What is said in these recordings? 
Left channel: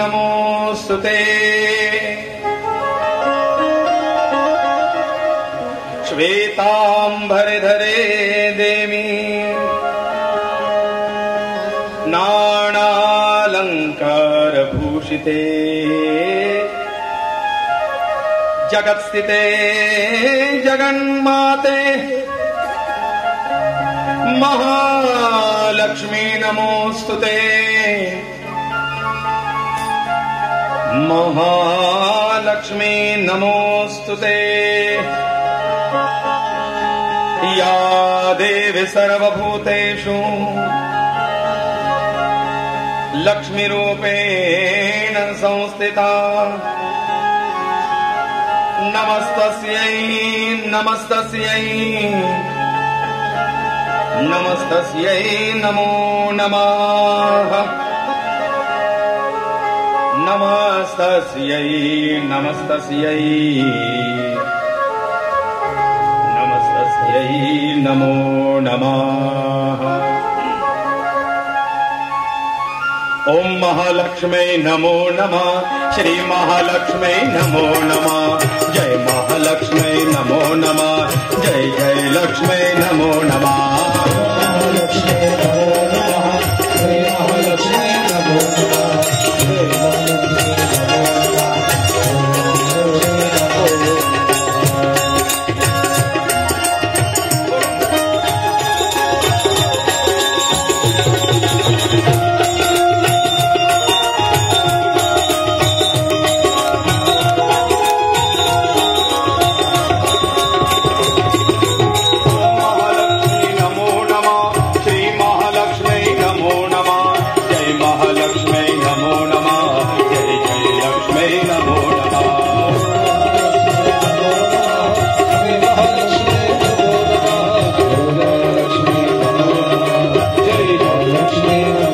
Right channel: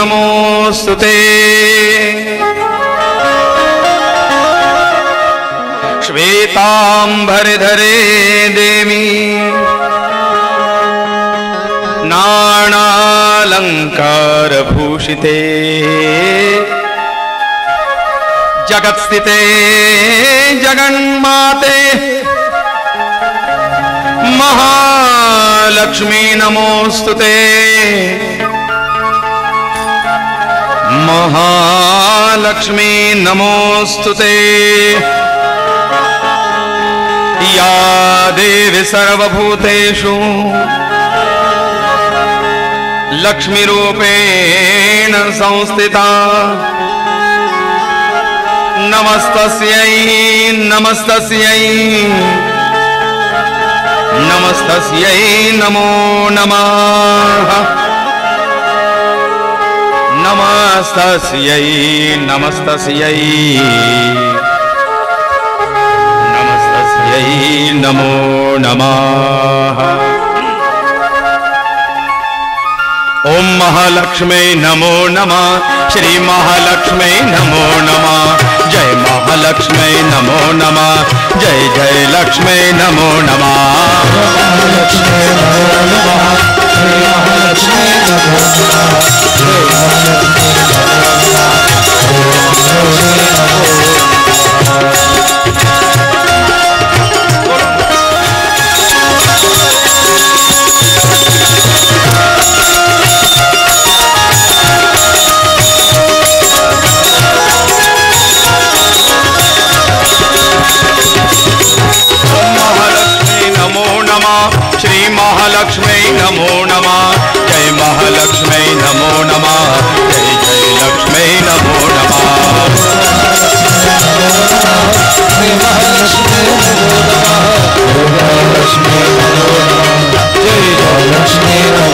नमोस्तुते। श्वेतांबरधरे देवी नानालंकारभूषिते जगत्स्थिते जगन्माते महालक्ष्मी नमोस्तुते। महालक्ष्मी नमोस्तुते। या देवी सर्वभूतेषु लक्ष्मीरूपेण संस्थिता नमस्तस्यै नमस्तस्यै नमस्तस्यै नमो नमः। नमस्तस्यै नमस्तस्यै नमस्तस्यै नमो नमः। ओम महालक्ष्मी नमो नमः। श्री महालक्ष्मी नमो नमः। जय महालक्ष्मी नमो नमः। जय जय लक्ष्मी नमो नमः। महालक्ष्मी नमो नमः। जय महालक्ष्मी नमो नमः। जय महालक्ष्मी नमो नमः। महालक्ष्मी नमो नमः। जय महालक्ष्मी नमो नमः। जय जय लक्ष्मी नमो नमः। जय महालक्ष्मी नमो नमः। जय महालक्ष्मी नमो नमः। जय जय लक्ष्मी नमो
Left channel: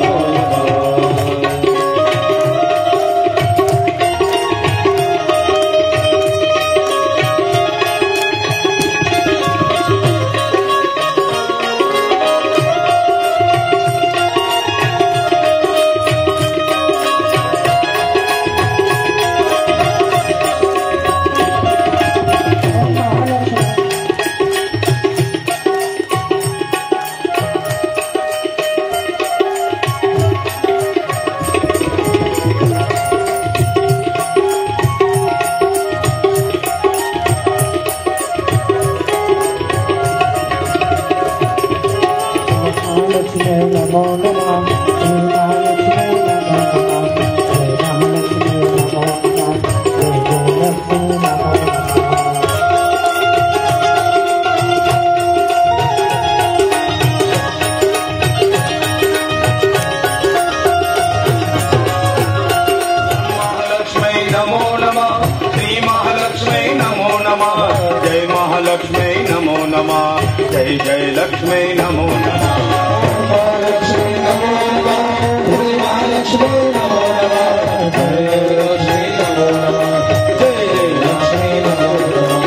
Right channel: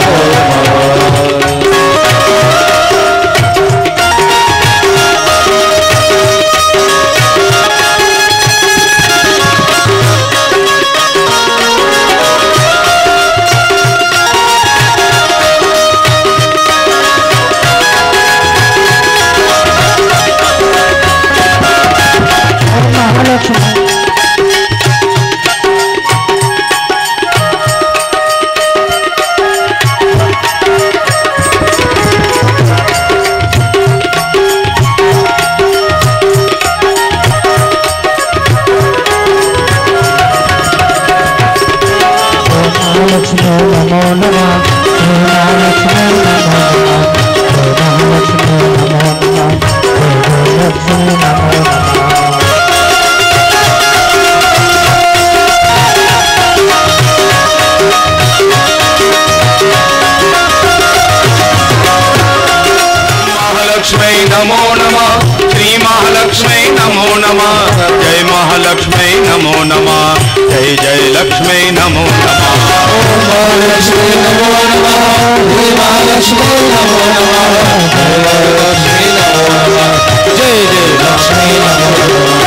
महालक्ष्मी नमो नमः। जय जय लक्ष्मी नमो नमः। महालक्ष्मी नमो नमः। जय महालक्ष्मी नमो नमः। जय लक्ष्मी नमो नमः। जय जय लक्ष्मी नमो नमः।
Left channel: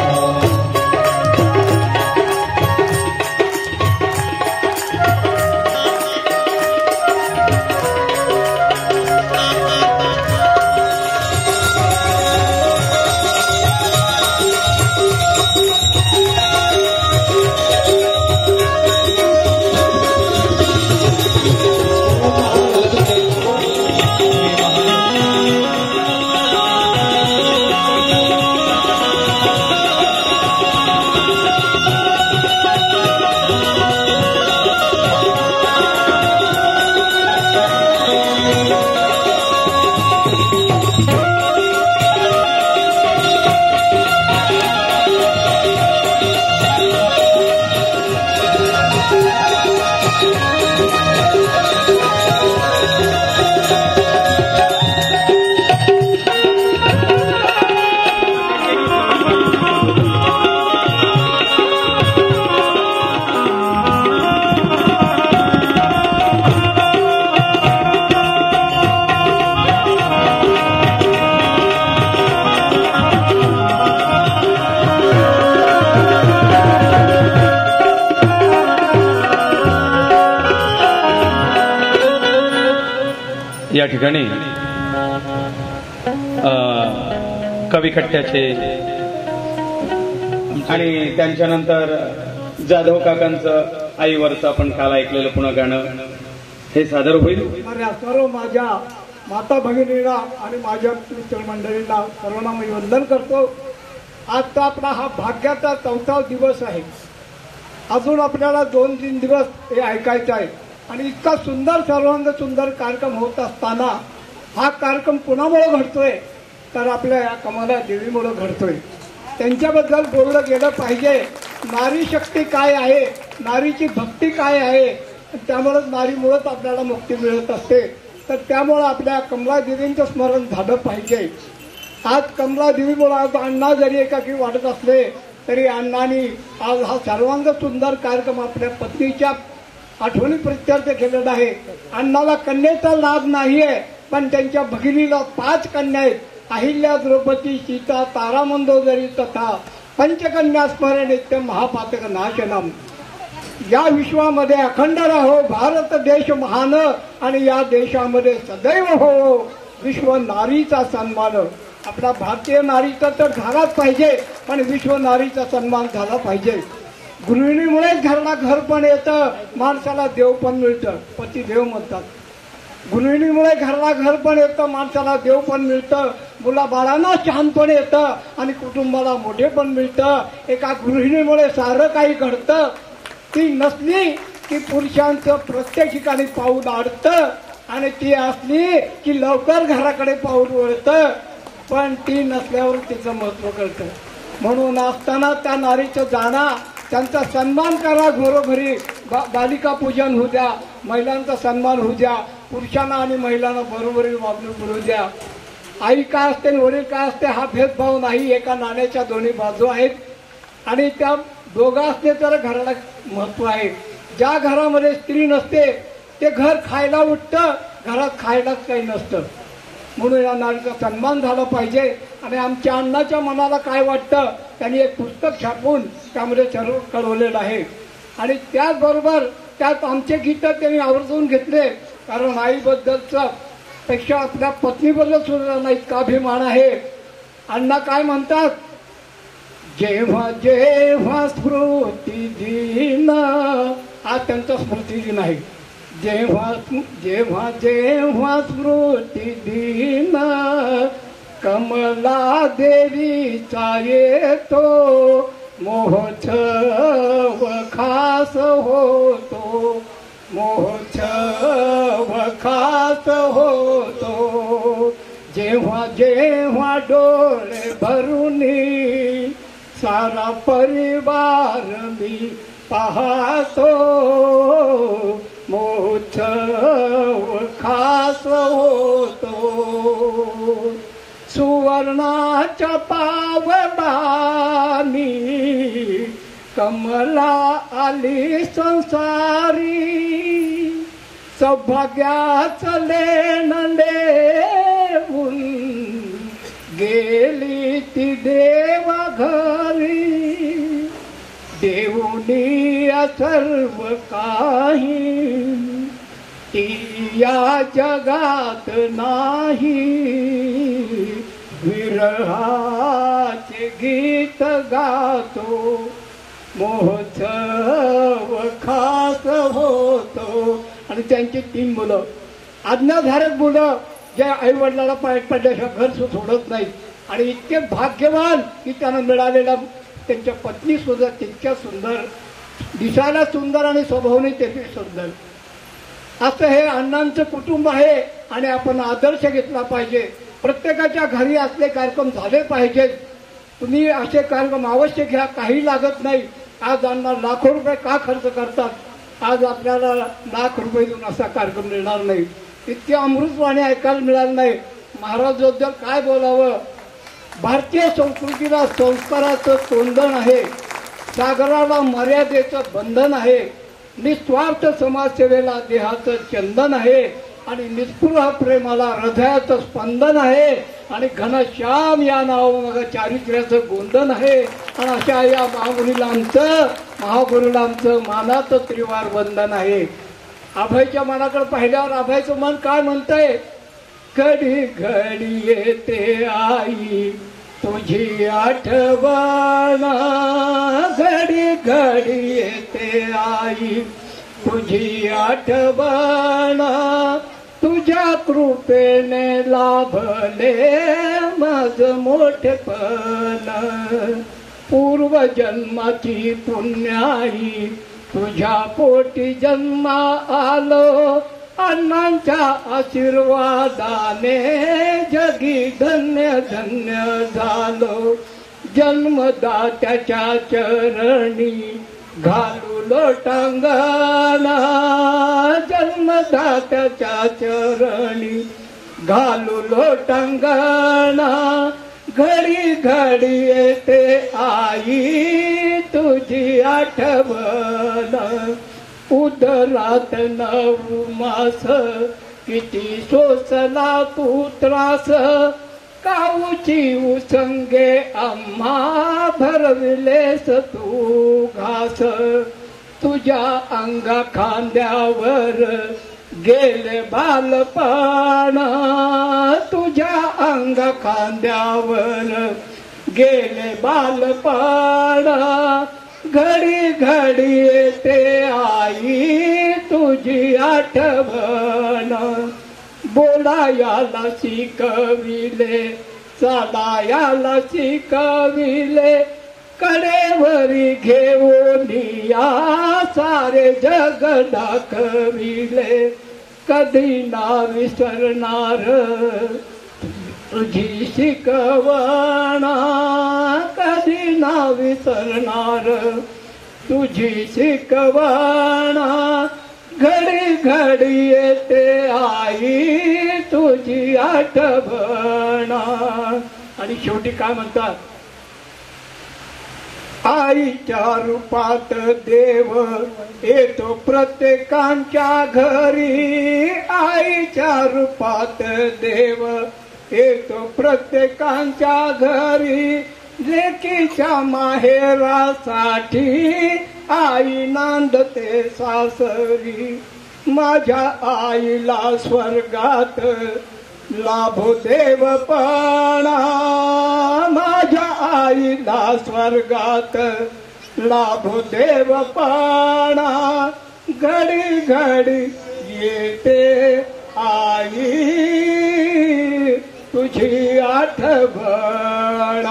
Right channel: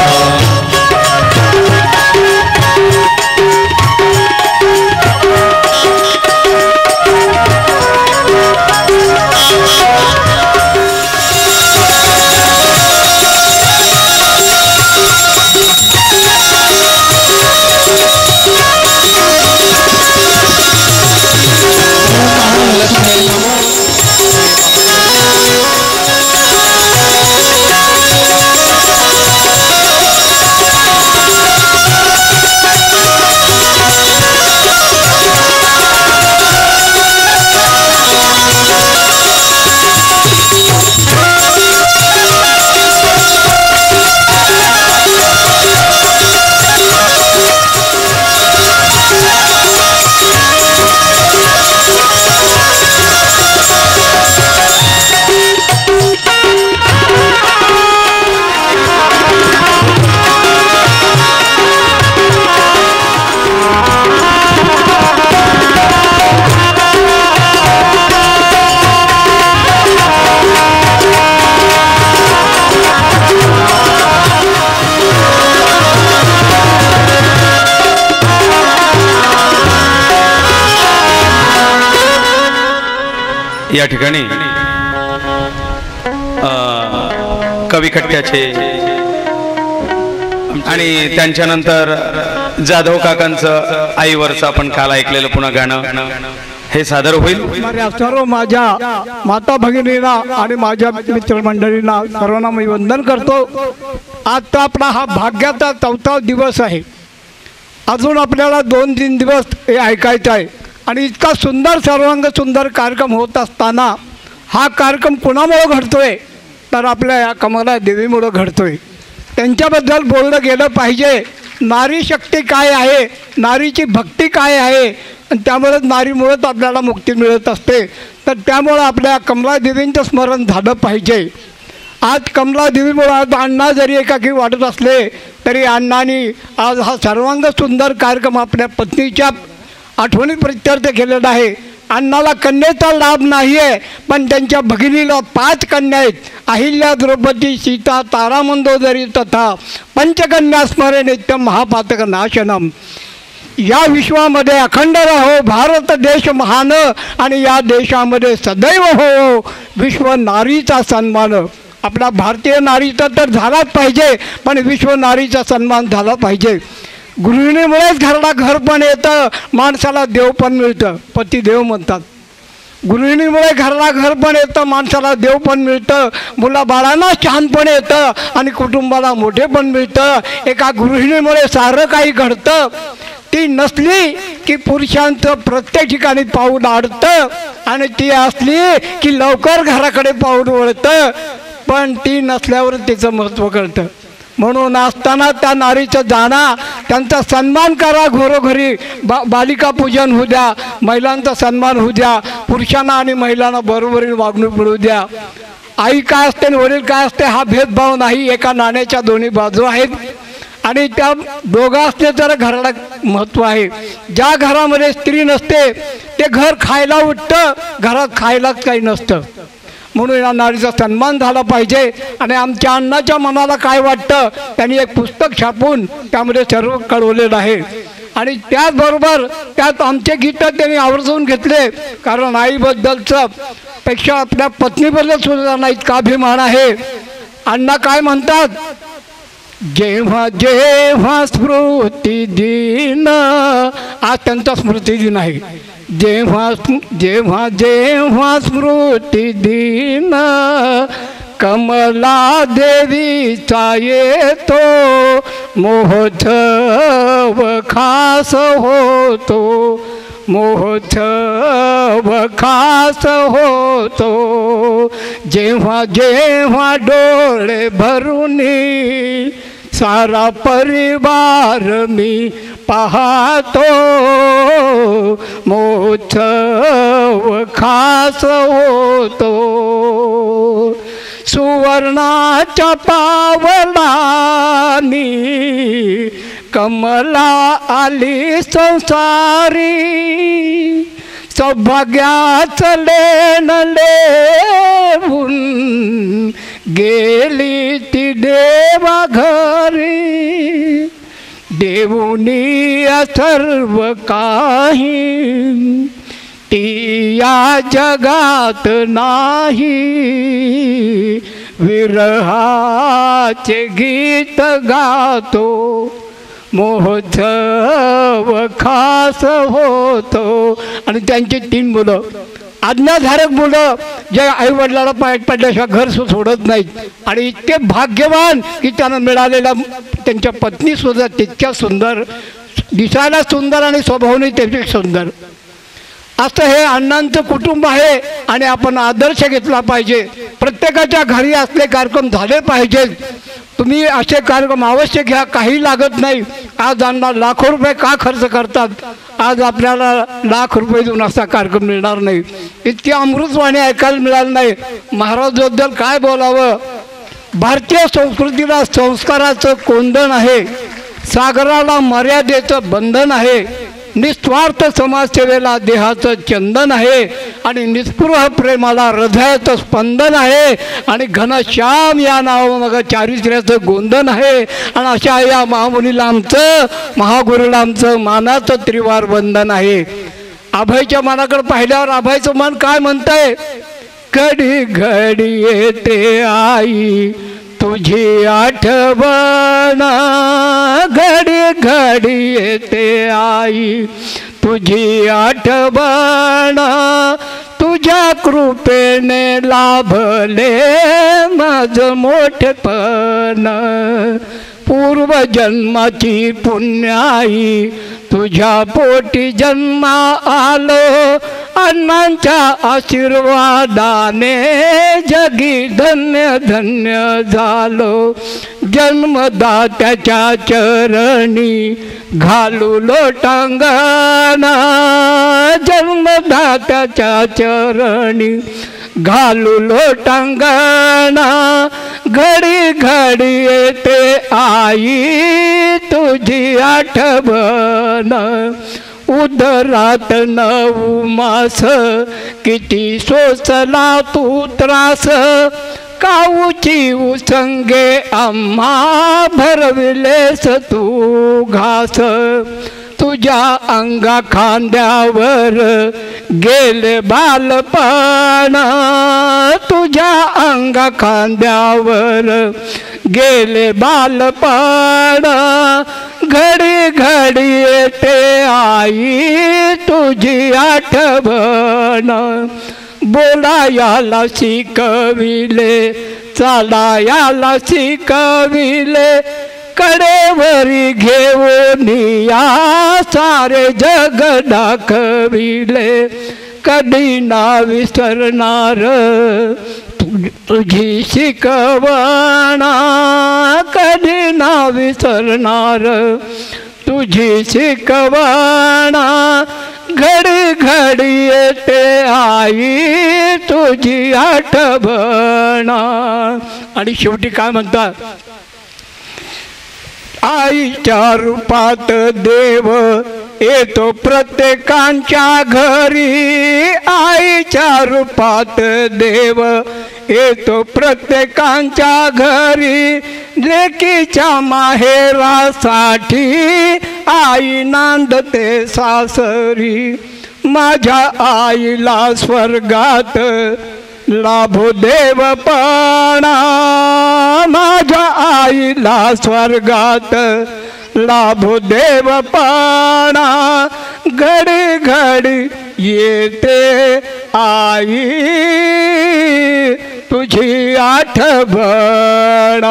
या ठिकाणी कवी खटक्याचे आणि त्यांच्यानंतर जाधव काकांचं आईवरचं आपण काल ऐकलेलं पुन्हा गाणं हे सादर होईल. सर्व माझ्या माता भगिनींना आणि माझ्या मित्रमंडळींना सर्वांना मी वंदन करतो. आता आपला हा भाग्याचा 4था दिवस आहे. अजून आपल्याला 2-3 दिवस हे ऐकायचं आहे आणि इतका सुंदर सर्वांग सुंदर कार्यक्रम होत असताना हा कार्यक्रम कोणामुळे घडतोय तर आपल्या या कमला देवीमुळे घडतोय. त्यांच्याबद्दल बोललं गेलं पाहिजे. नारी शक्ती काय आहे, नारीची भक्ती काय आहे, आणि त्यामुळेच नारीमुळेच आपल्याला मुक्ती मिळत असते. तर त्यामुळं आपल्या कमलादेवींचं स्मरण झालं पाहिजे. आज कमलादेवीमुळं आज अण्णा जरी एकाकी वाटत असले तरी अण्णांनी आज हा सर्वांग सुंदर कार्यक्रम आपल्या पत्नीच्या आठवणी प्रित्यर्थ केलेला आहे. अण्णाला कन्येचा लाभ नाही आहे, पण त्यांच्या भगिनीला 5 कन्या आहेत. अहिल्या, द्रौपदी, सीता, तारा, मंदोदरी तथा पंचकन्या स्मरे नित्यम महापातक नाशनम. या विश्वामध्ये अखंड राहो भारत देश महान आणि या देशामध्ये सदैव हो विश्व नारीचा सन्मान. आपला भारतीय नारीचा तर झालाच पाहिजे, पण विश्व नारीचा सन्मान झाला पाहिजे. गृहिणीमुळेच घराला घर पण येतं, माणसाला देव पण मिळतं. पतिदेव म्हणतात. गृहिणीमुळे घराला घर पण येतं, माणसाला देव पण मिळतं, मुलाबाळांना शहाणपण येतं आणि कुटुंबाला मोठे पण मिळतं. एका गृहिणीमुळे सारं काही घडतं. ती नसली की पुरुषांचं प्रत्येक ठिकाणी पाऊल अडतं आणि ती असली की लवकर घराकडे पाऊल वळतं, पण ती नसल्यावर तिचं महत्त्व कळतं. म्हणून असताना त्या नारीचं जाणा, त्यांचा सन्मान करा. घरोघरी बालिका पूजन होऊ द्या, महिलांचा सन्मान होऊ द्या, पुरुषांना आणि महिलांना बरोबरी वागणूक मिळू द्या. आई काय असते आणि वडील काय असते हा भेदभाव नाही. एका नाण्याच्या दोन्ही बाजू आहेत आणि त्या दोघं असले तर घराला महत्त्व आहे. ज्या घरामध्ये स्त्री नसते ते घर खायला उठतं, घरात खायलाच काही नसतं. म्हणून या नारीचा सन्मान झाला पाहिजे. आणि आमच्या अण्णाच्या मनाला काय वाटतं त्यांनी एक पुस्तक छापून त्यामध्ये सर्व कळवलेलं आहे. आणि त्याचबरोबर त्यात आमचे गीतं त्यांनी आवर्जून घेतले, कारण आईबद्दलचं पेक्षा आपल्या पत्नीबद्दल सुद्धा इतका अभिमान आहे. अण्णा काय म्हणतात, जेव्हा जेव्हा स्मृती दिन, आज त्यांचा स्मृती दिन आहे. जेव्हा जेव्हा जेव्हा स्मृती दिन कमला देवीचा येतो, महोत्सव खास होतो, महोत्सव खास होतो. जेव्हा जेव्हा डोळे भरूनी सारा परिवार मी पाहतो, महोत्सव खास होतो. सुवर्णाच्या पावलानी कमला आली संसारी, सौभाग्याचं लेण लेऊन गेली ती देवा घरी. देवुनी सर्व काही ती या जगात नाही, विरहाचे गीत गातो, महोत्सव खास होतो. आणि त्यांची 3 मुलं, आज्ञाधारक मुलं, जे आईवडिलाला पाय पडल्याशिवाय घर सोडत नाहीत आणि इतके भाग्यवान की त्यांना मिळालेला त्यांच्या पत्नी सुद्धा तितक्या सुंदर, दिसायला सुंदर आणि स्वभावाने त्याचे सुंदर. असं हे अण्णांचं कुटुंब आहे आणि आपण आदर्श घेतला पाहिजे. प्रत्येकाच्या घरी असले कार्यक्रम झाले पाहिजेत. तुम्ही असे कार्यक्रम अवश्य घ्या, काही लागत नाही. आज अण्णा लाखो रुपये का खर्च करतात, आज आपल्याला लाख रुपये देऊन असा कार्यक्रम मिळणार नाही. इतकी अमृतवाणी ऐकायला मिळालं नाही. महाराजबद्दल काय बोलावं. भारतीय संस्कृतीला संस्काराचं कोंदण आहे, सागराला मर्यादेचं बंधन आहे, निस्वार्थ समाजसेवेला देहाचं चंदन आहे आणि निस्पृह प्रेमाला हृदयाचं स्पंदन आहे आणि घनश्याम या नावामागं चारित्र्याचं गोंधन आहे. आणि अशा या महामुनीला आमचं, महागुरूला आमचं मानाचं त्रिवार वंदन आहे. अभयच्या मनाकडे पाहिल्यावर अभयचं मन काय म्हणतंय, घडी घडी येते आई तुझी आठवण, घडी घडी येते आई तुझी आठवण, तुझ्या कृपेने लाभले माझं मोठेपण, पूर्वजन्माची पुण्याई तुझ्या पोटी जन्मा आलो, अण्णांच्या आशीर्वादाने जगी धन्य धन्य झालो, जन्मदात्याच्या चरणी घालू लोटांगणा, जन्मदात्याच्या चरणी घालू लोटांगणा, घडी घडी येते आई तुझी आठवण, उदरात 9 मास किती सोसला तू त्रास, काऊची उसंगे आम्हा भरविलेस तू घास, तुझ्या अंगा खांद्यावर गेले बालपण, तुझ्या अंगा खांद्यावर गेले बालपण, घडी घडी येते आई तुझी आठवण, बोलायाला शिकविले चालायाला शिकविले, कडेवरी घेऊन या सारे जग दाखविले, कधी ना विसरणार तुझी शिकवण, कधी ना विसरणार तुझी शिकवण, घडी घडी येते आई तुझी आठवण. आणि शेवटी काय म्हणतात, आईच्या रूपात देव येतो प्रत्येकांच्या घरी, आईच्या रूपात देव येतो प्रत्येकांच्या घरी, लेकीच्या माहेरासाठी आई नांदते सासरी, माझ्या आईला स्वर्गात लाभो देवपणा, माझ्या आईला स्वर्गात लाभो देवपणा, घडी घडी येते आई तुझी आठवण.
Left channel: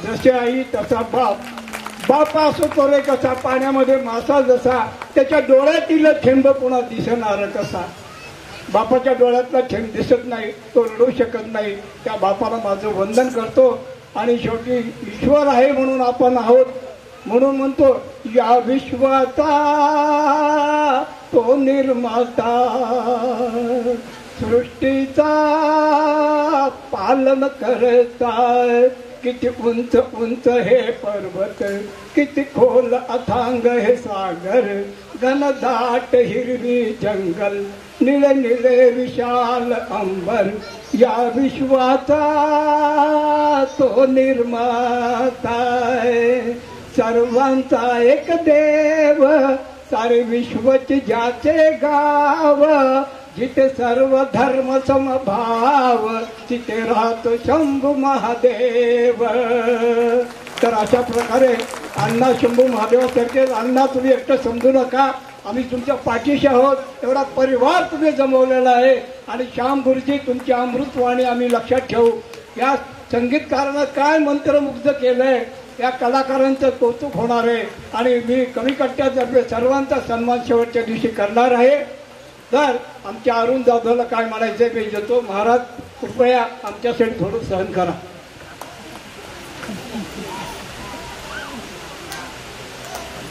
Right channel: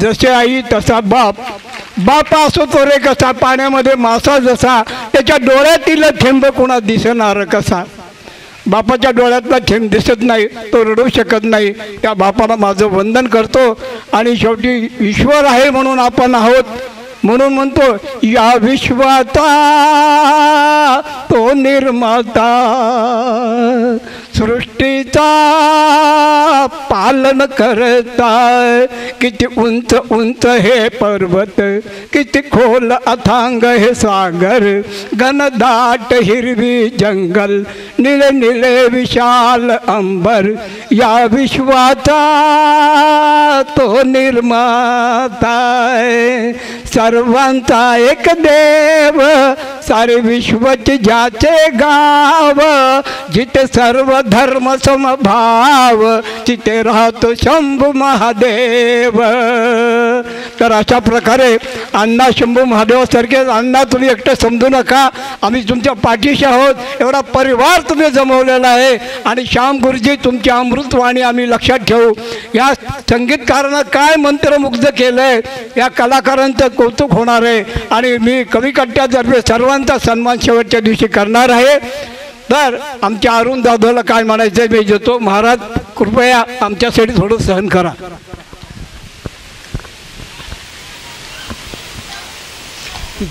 जशी आई तसा बाप, बाप असो तो रे कसा, पाण्यामध्ये मासा जसा, त्याच्या डोळ्यातील थेंब कोणा दिसणार कसा, बापाच्या डोळ्यातला थेंब दिसत नाही, तो रडू शकत नाही, त्या बापाला माझं वंदन करतो. आणि शेवटी ईश्वर आहे म्हणून आपण आहोत, म्हणून म्हणतो या विश्वाचा तो निर्माता, सृष्टीचा पालन करताय, किती उंच उंच हे पर्वत, किती खोल अथांग हे सागर, घनदाट हिरवी जंगल, निळे निळे विशाल अंबर, या विश्वाचा तो निर्माता, सर्वांचा एक देव, सारे विश्वचे ज्याचे गाव, जिथे सर्व धर्म समभाव, तिथे राहतो शंभू महादेव. तर अशा प्रकारे अण्णा शंभू महादेवासारखे, अण्णा तुम्ही एकटं समजू नका, आम्ही तुमच्या पाठीशी आहोत, एवढा परिवार तुम्ही जमवलेला आहे. आणि श्याम गुरुजी तुमची अमृतवाणी आम्ही लक्षात ठेवू. या संगीतकारांना काय मंत्रमुग्ध केलं आहे, या कलाकारांचं कौतुक होणार आहे. आणि मी कवी कट्ट्यातर्फे सर्वांचा सन्मान शेवटच्या दिवशी करणार आहे. तर आमच्या अरुण दादाला काय म्हणायचं मी देतो. महाराज कृपया आमच्यासाठी थोडं सहन करा.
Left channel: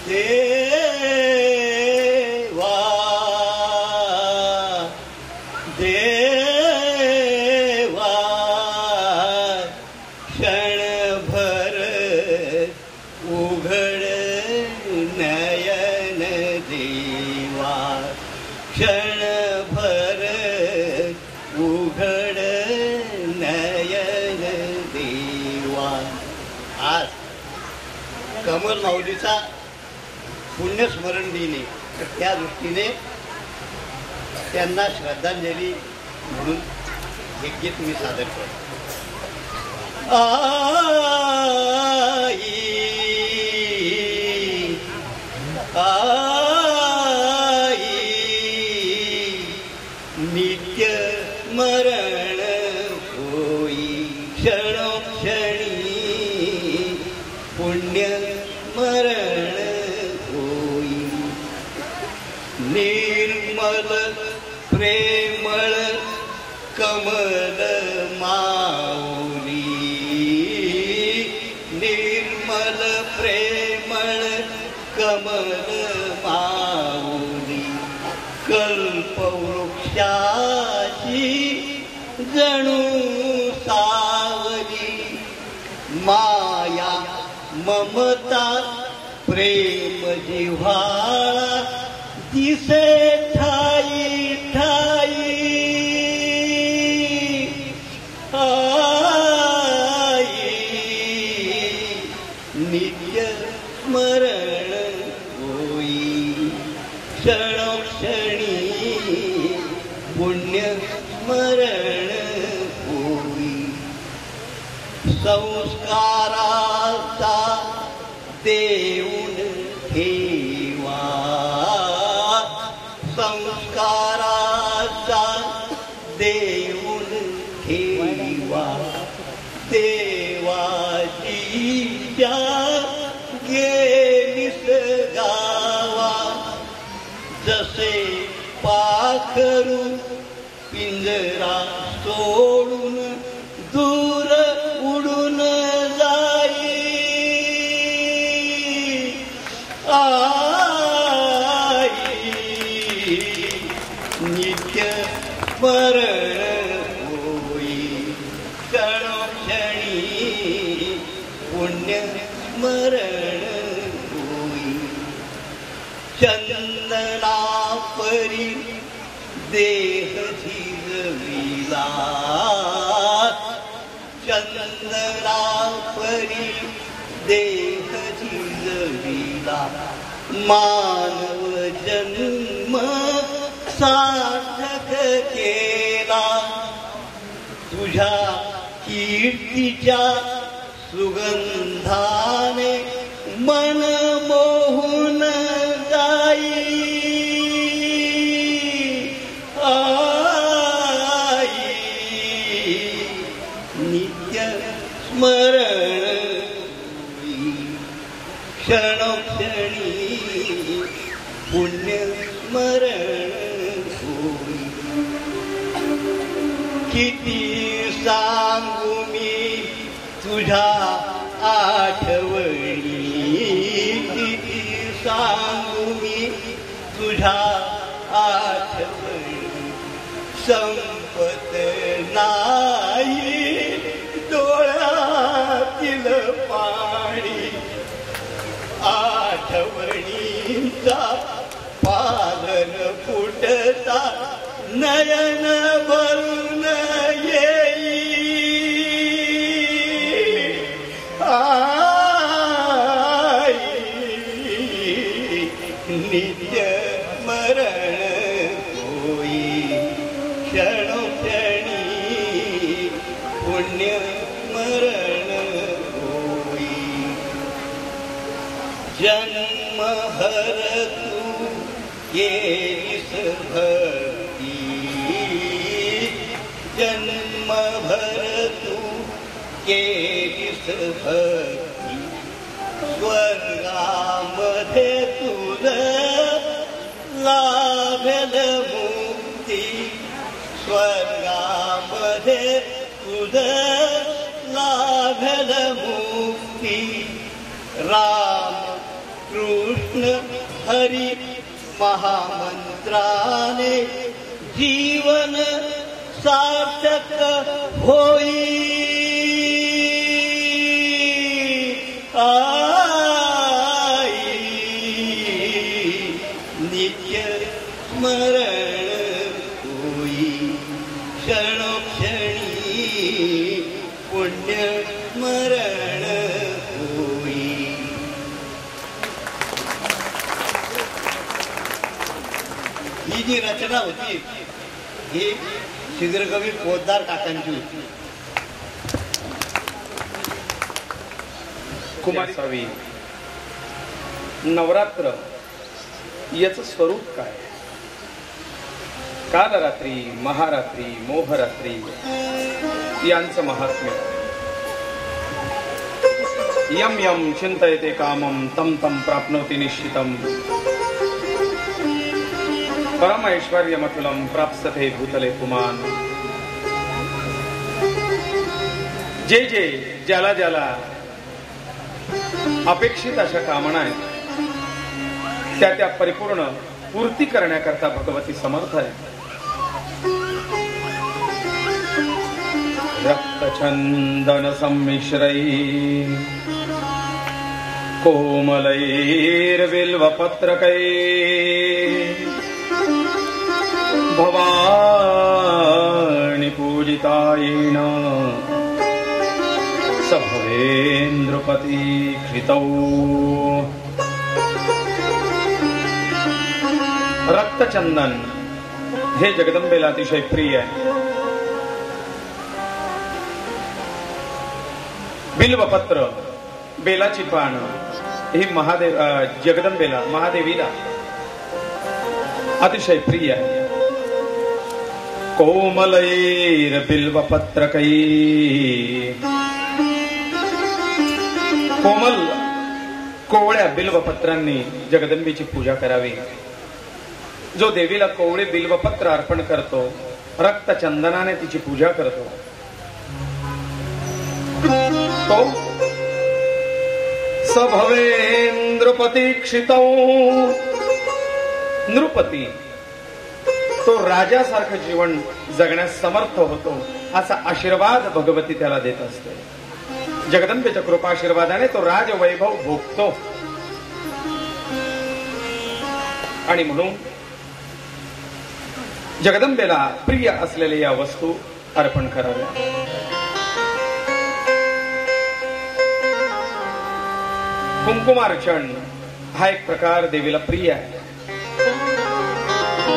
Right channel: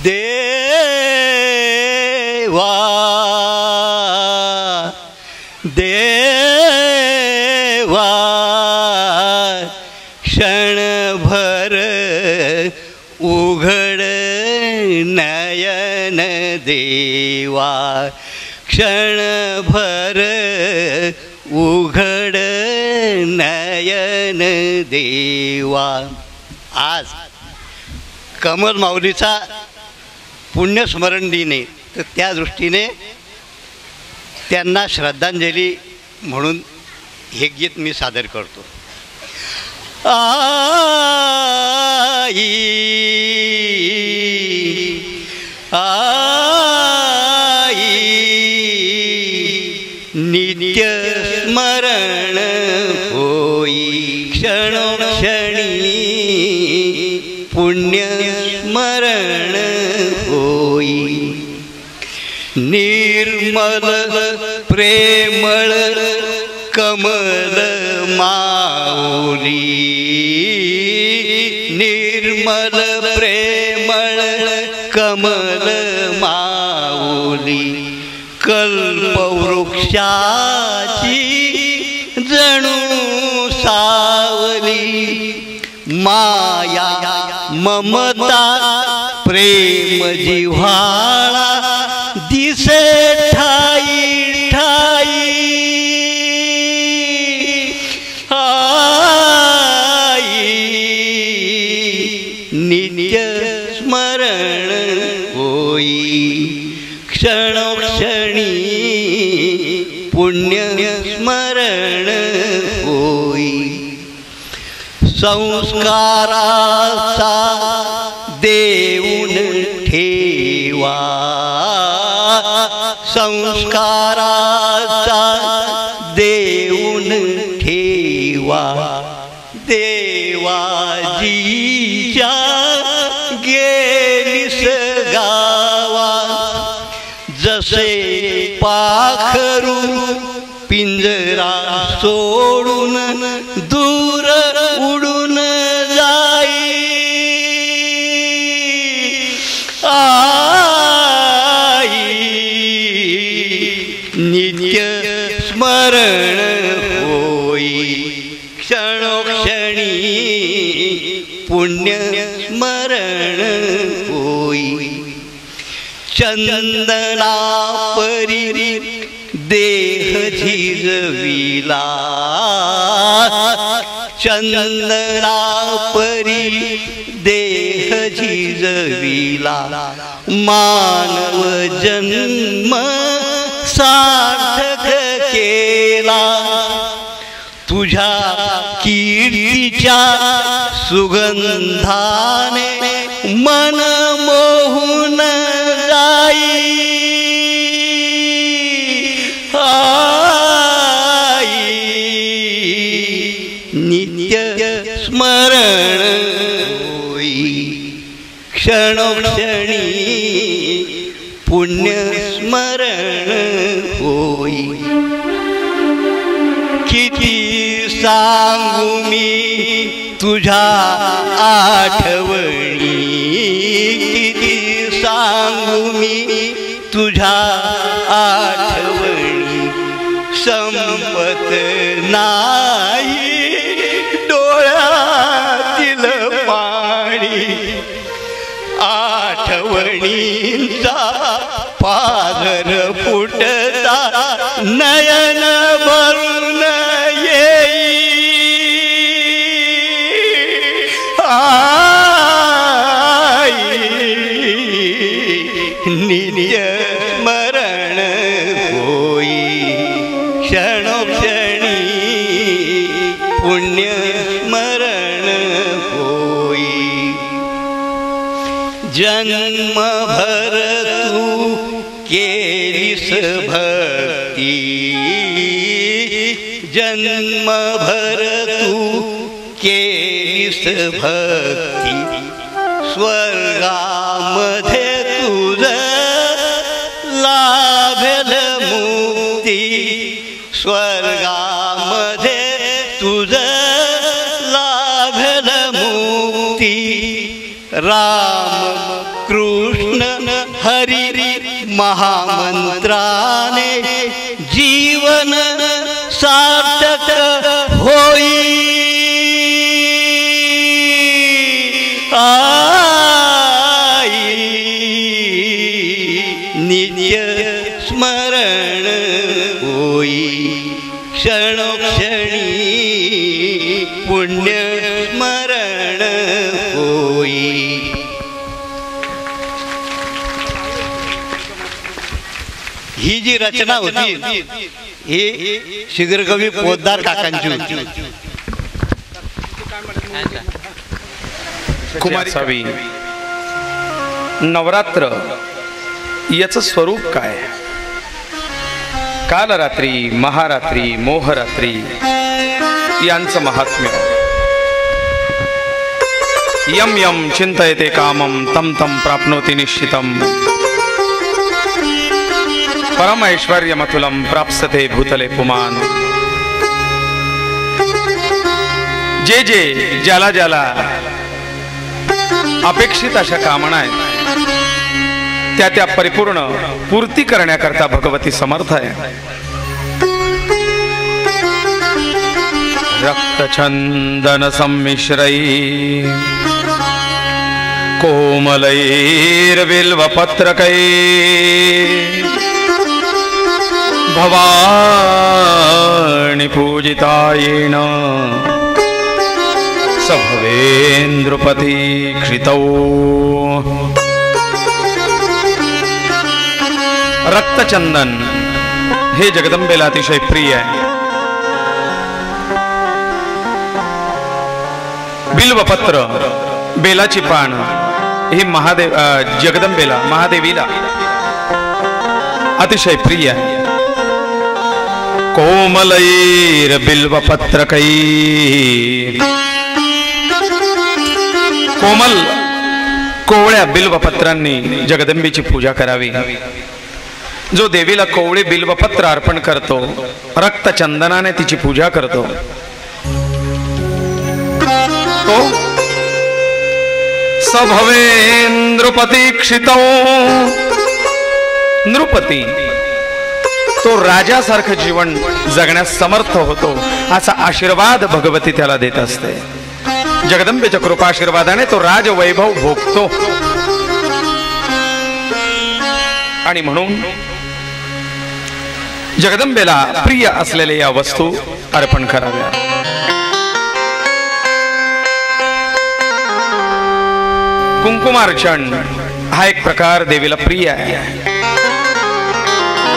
देवा देवा क्षणभर उघड नयन देवा, क्षणभर उघड नयन देवा. आज कमल माऊलीचा पुण्यस्मरण दिन आहे, तर त्या दृष्टीने त्यांना श्रद्धांजली म्हणून हे गीत मी सादर करतो. आई आई नित्य स्मरण होई क्षणोक्षणी पुण्य स्मरण होई निर्मल प्रेमळ कमल माऊली निर्मल प्रेमळ कमल माऊली कल्पवृक्षाची जणू सावली माया ममता प्रेम जिव्हाळा दिसे ठाई ठाई नित्य स्मरण होई क्षणोक्षणी पुण्य स्मरण होई संस्काराचा देऊन ठेवा संस्काराचा देऊन ठेवा देवाजीच्या गेलीस गावा जसे पाखरू पिंजरा सोडून दूर उडून जाई आई नित्य स्मरण होई क्षणोक्षणी पुण्य स्मरण होई चंदना परी देह झिजविला चंदना परी देह झिजविला मानव जन्म सार्थक केला तुझ्या कीर्तीच्या सुगंधाने मन मोहून जाई आई नित्य स्मरण होई क्षणोक्षणी पुण्य स्मरण होई किती सांगू मी तुझ्या आठवणी किती सांगू मी तुझ्या आठवणी संपत नाही डोळ्यातील पाणी आठवणींचा पाझर फुटता नयन भरून येई आई नित्य स्मरण होई क्षणोक्षणी पुण्य स्मरण होई जन्मभर तू केलीस भक्ती जन्मभर तू केलीस भक्ती स्वर्गामध्ये तुझ लाभेल मुक्ती स्वर्गामध्ये तुझ लाभेल मुक्ती राम कृष्ण हरी महामंत्राने जीवन सार्थक होई आई नित्य स्मरण होई क्षणोक्षणी पुण्य स्मरण होई. ही जी रचना होती ही शिगरकवी पोद्दार काकांची होती. कुमारी सावी नवरात्र याचं स्वरूप काय? कालरात्री, महारात्री, मोहरात्री यांचं महात्म्य. यम यम चिंतयते कामम तम तम प्राप्नोति निश्चितम. परम ऐश्वर्यमतुलम प्राप्स्यते भूतले पुमान. जे जे ज्याला ज्याला अपेक्षित अशा कामना आहेत त्या त्या परिपूर्ण पूर्ती करण्याकरता भगवती समर्थ आहे. रक्तचंदन संमिश्रै कोमलैर्बिल्वपत्रकै भवानी पूजितायेन स भवेन्द्रपति क्षितौ. रक्तचंदन हे जगदंबेला अतिशय प्रिय आहे. बिल्वपत्र बेलाची पान हे महादेव जगदंबेला महादेवीला अतिशय प्रिय आहे. कोमलैर बिल्वपत्रकै कोमल कोवळ्या बिल्वपत्रांनी जगदंबेची पूजा करावी. जो देवीला कोवळे बिल्वपत्र अर्पण करतो, रक्तचंदनाने तिची पूजा करतो, तो स भवेन्द्रपति क्षितौ. नृपती तो राजासारखं जीवन जगण्यास समर्थ होतो असा आशीर्वाद भगवती त्याला देत असते. जगदंबेच्या कृपाशीर्वादाने तो राजवैभव भोगतो. आणि म्हणून जगदंबेला प्रिय असलेल्या या वस्तू अर्पण कराव्या. कुंकुमार्चन हा एक प्रकार देवीला प्रिय आहे.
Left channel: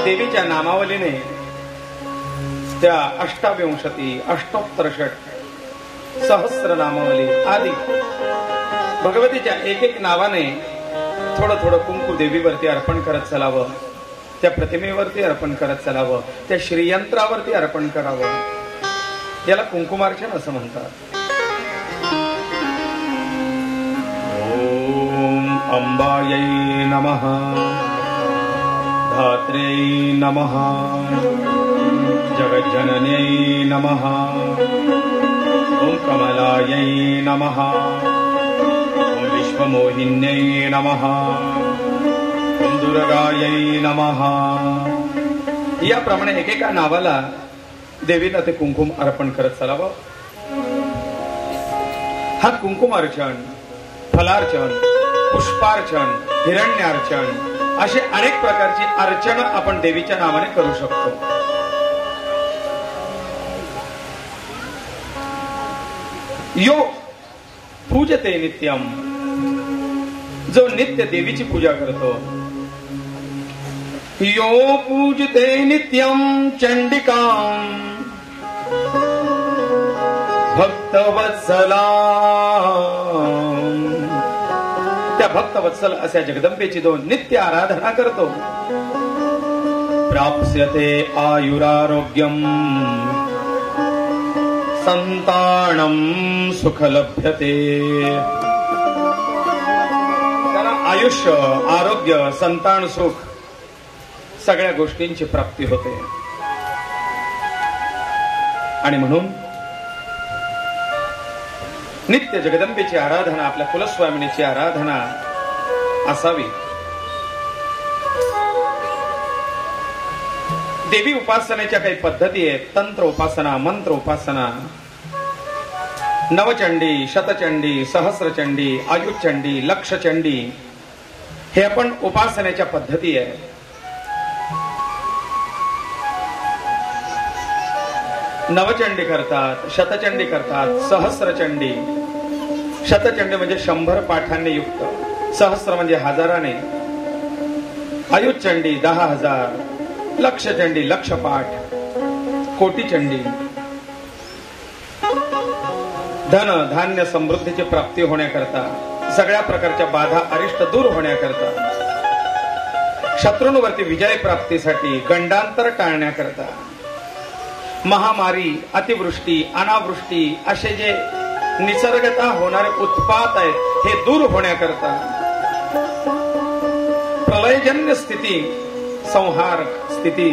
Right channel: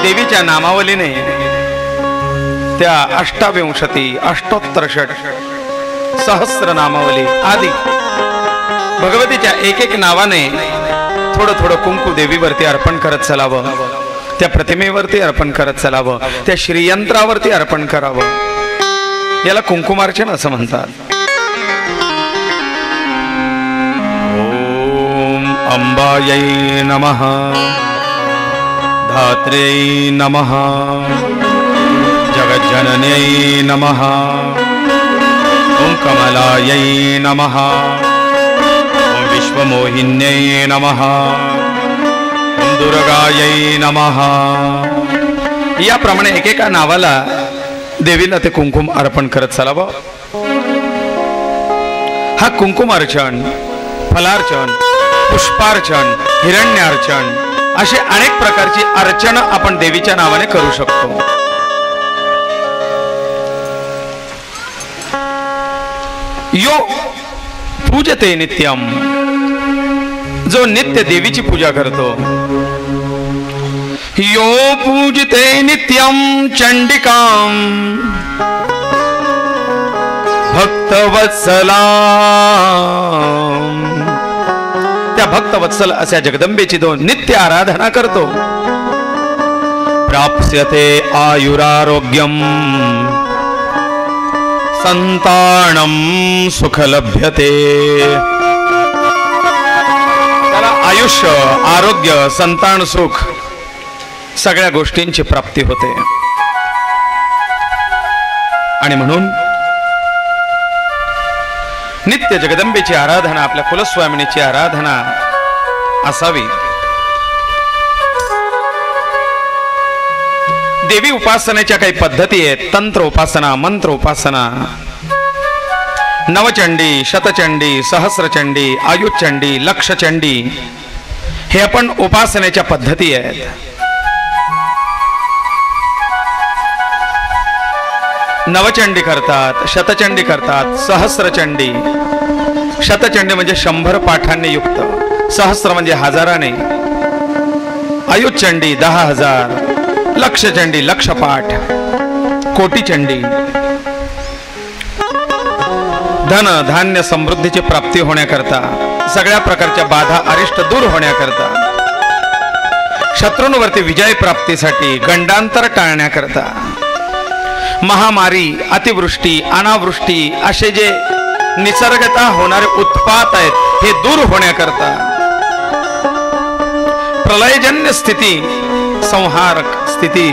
देवीच्या नामावलीने त्या 28 अष्टोत्तर सहस्र नामावली आदि भगवतीच्या एक एक नावाने थोडं थोडं कुंकू देवीवरती अर्पण करत चलावं. त्या प्रतिमेवरती अर्पण करत चलावं. त्या श्रीयंत्रावरती अर्पण करावं. याला कुंकुमार्चन असं म्हणतात. ओम अंबायै नमः, धात्र्यै नमः, जगज्जनन्यै नमः, ओम कमलायै नमः, ओम विश्वमोहिन्यै नमः, ओम दुर्गायै नमः. याप्रमाणे एकेका नावाला देवीला ते कुंकुम अर्पण करत चालावं. हा कुंकुमार्चन, फलार्चन, पुष्पार्चन, हिरण्यार्चन असे अनेक प्रकारची अर्चना आपण देवीच्या नावाने करू शकतो. यो पूजते नित्यम, जो नित्य देवीची पूजा करतो. यो पूजते नित्यम चंडिकां भक्तवत्सला. त्या भक्तवत्सल अशा जगदंबेची तो नित्य आराधना करतो. प्राप्स्यते आयुरारोग्यम संतानम सुख लभ्यते. त्याला आयुष्य, आरोग्य, संतान सुख सगळ्या गोष्टींची प्राप्ती होते. आणि म्हणून नित्य जगदंबेची आराधना, आपल्या कुलस्वामिनीची आराधना असावी. देवी उपासनेच्या काही पद्धती आहेत. तंत्र उपासना, मंत्र उपासना, नवचंडी, शतचंडी, सहस्रचंडी, आयुचंडी, लक्षचंडी हे आपण उपासनेच्या पद्धती आहेत. नवचंडी करतात, शतचंडी करतात, सहस्रचंडी. शतचंडी म्हणजे 100 पाठांनी युक्त, सहस्र म्हणजे हजाराने, आयुचंडी 10,000, लक्षचंडी 1,00,000 पाठ. कोटीचंडी, धन धान्य समृद्धीची प्राप्ती होण्याकरता, सगळ्या प्रकारच्या बाधा अरिष्ट दूर होण्याकरता, शत्रूंवरती विजय प्राप्तीसाठी, गंडांतर टाळण्याकरता, महामारी, अतिवृष्टी, अनावृष्टी असे जे निसर्गतः होणारे उत्पात आहेत हे दूर होण्याकरता, प्रलयजन्य स्थिती, संहारक स्थिती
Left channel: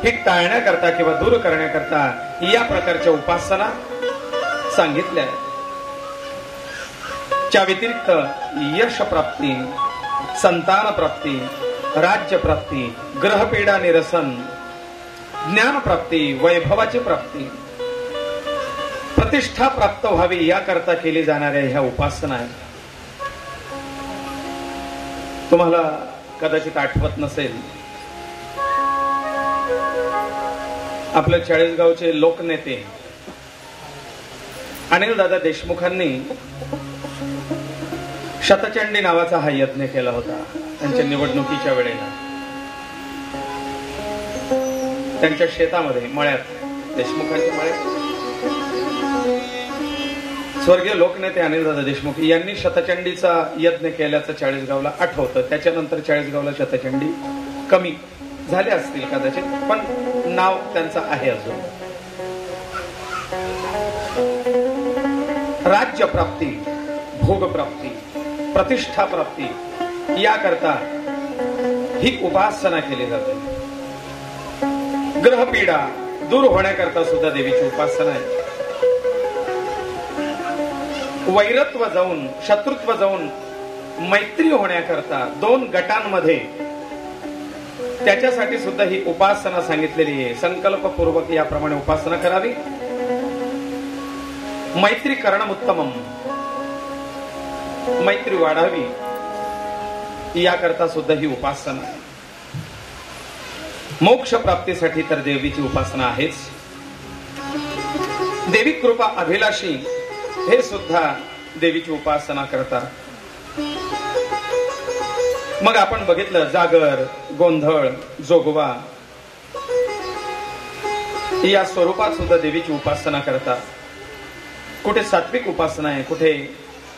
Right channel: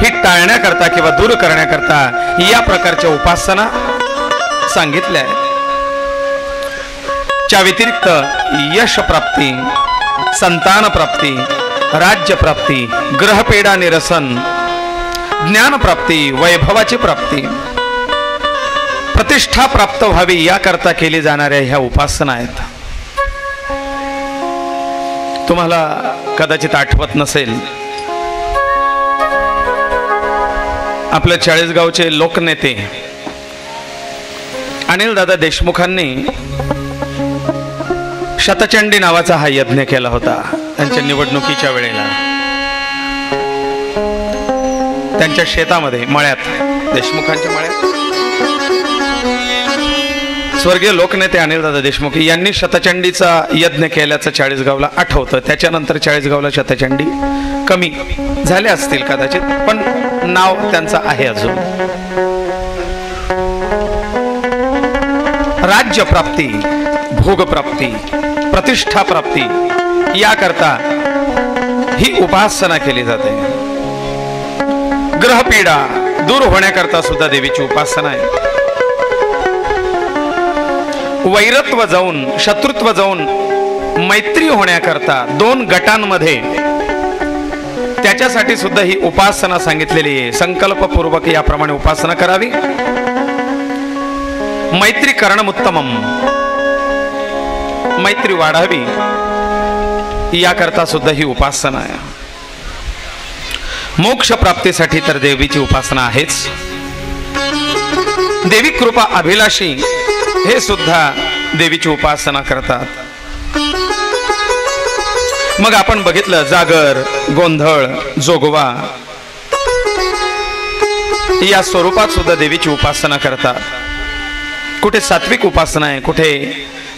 ही टाळण्याकरता किंवा दूर करण्याकरता या प्रकारच्या उपासना सांगितल्या आहेत. च्या व्यतिरिक्त यश प्राप्ती, संतान प्राप्ती, राज्य प्राप्ती, ग्रहपेडा निरसन, ज्ञान प्राप्ती, वैभवाची प्राप्ती, प्रतिष्ठा प्राप्त व्हावी याकरता केली जाणाऱ्या ह्या उपासना आहेत. तुम्हाला कदाचित आठवत नसेल, आपल्या चाळीसगावचे लोकनेते अनिल दादा देशमुखांनी शतचंडी नावाचा हा यज्ञ केला होता त्यांच्या निवडणुकीच्या वेळेला. त्यांच्या शेतामध्ये, मळ्यात, देशमुखांच्या मळ्यात स्वर्गीय लोकनेते अनिल दादा देशमुख यांनी शतचंडीचा यज्ञ केल्याचं चाळीसगावला आठवतं. त्याच्यानंतर चाळीसगावला शतचंडी कमी झाले असतील कदाचित, पण नाव त्यांचं आहे अजून. राज्य प्राप्ती, भोग प्राप्ती, प्रतिष्ठा प्राप्ती याकरता ही उपासना केली जाते. ग्रहपीडा दूर होण्याकरता सुद्धा देवीची उपासना आहे. वैरत्व जाऊन, शत्रुत्व जाऊन मैत्री होण्याकरता दोन गटांमध्ये, त्याच्यासाठी सुद्धा ही उपासना सांगितलेली आहे. संकल्पपूर्वक याप्रमाणे उपासना करावी. मैत्री करणं उत्तमम, मैत्री वाढावी याकरता सुद्धा ही उपासना आहे. मोक्ष प्राप्तीसाठी तर देवीची उपासना आहेच. देवी कृपा अभिलाषी हे सुद्धा देवीची उपासना करतात. मग आपण बघितलं, जागर, गोंधळ, जोगवा या स्वरूपात सुद्धा देवीची उपासना करतात. कुठे सात्विक उपासना आहे, कुठे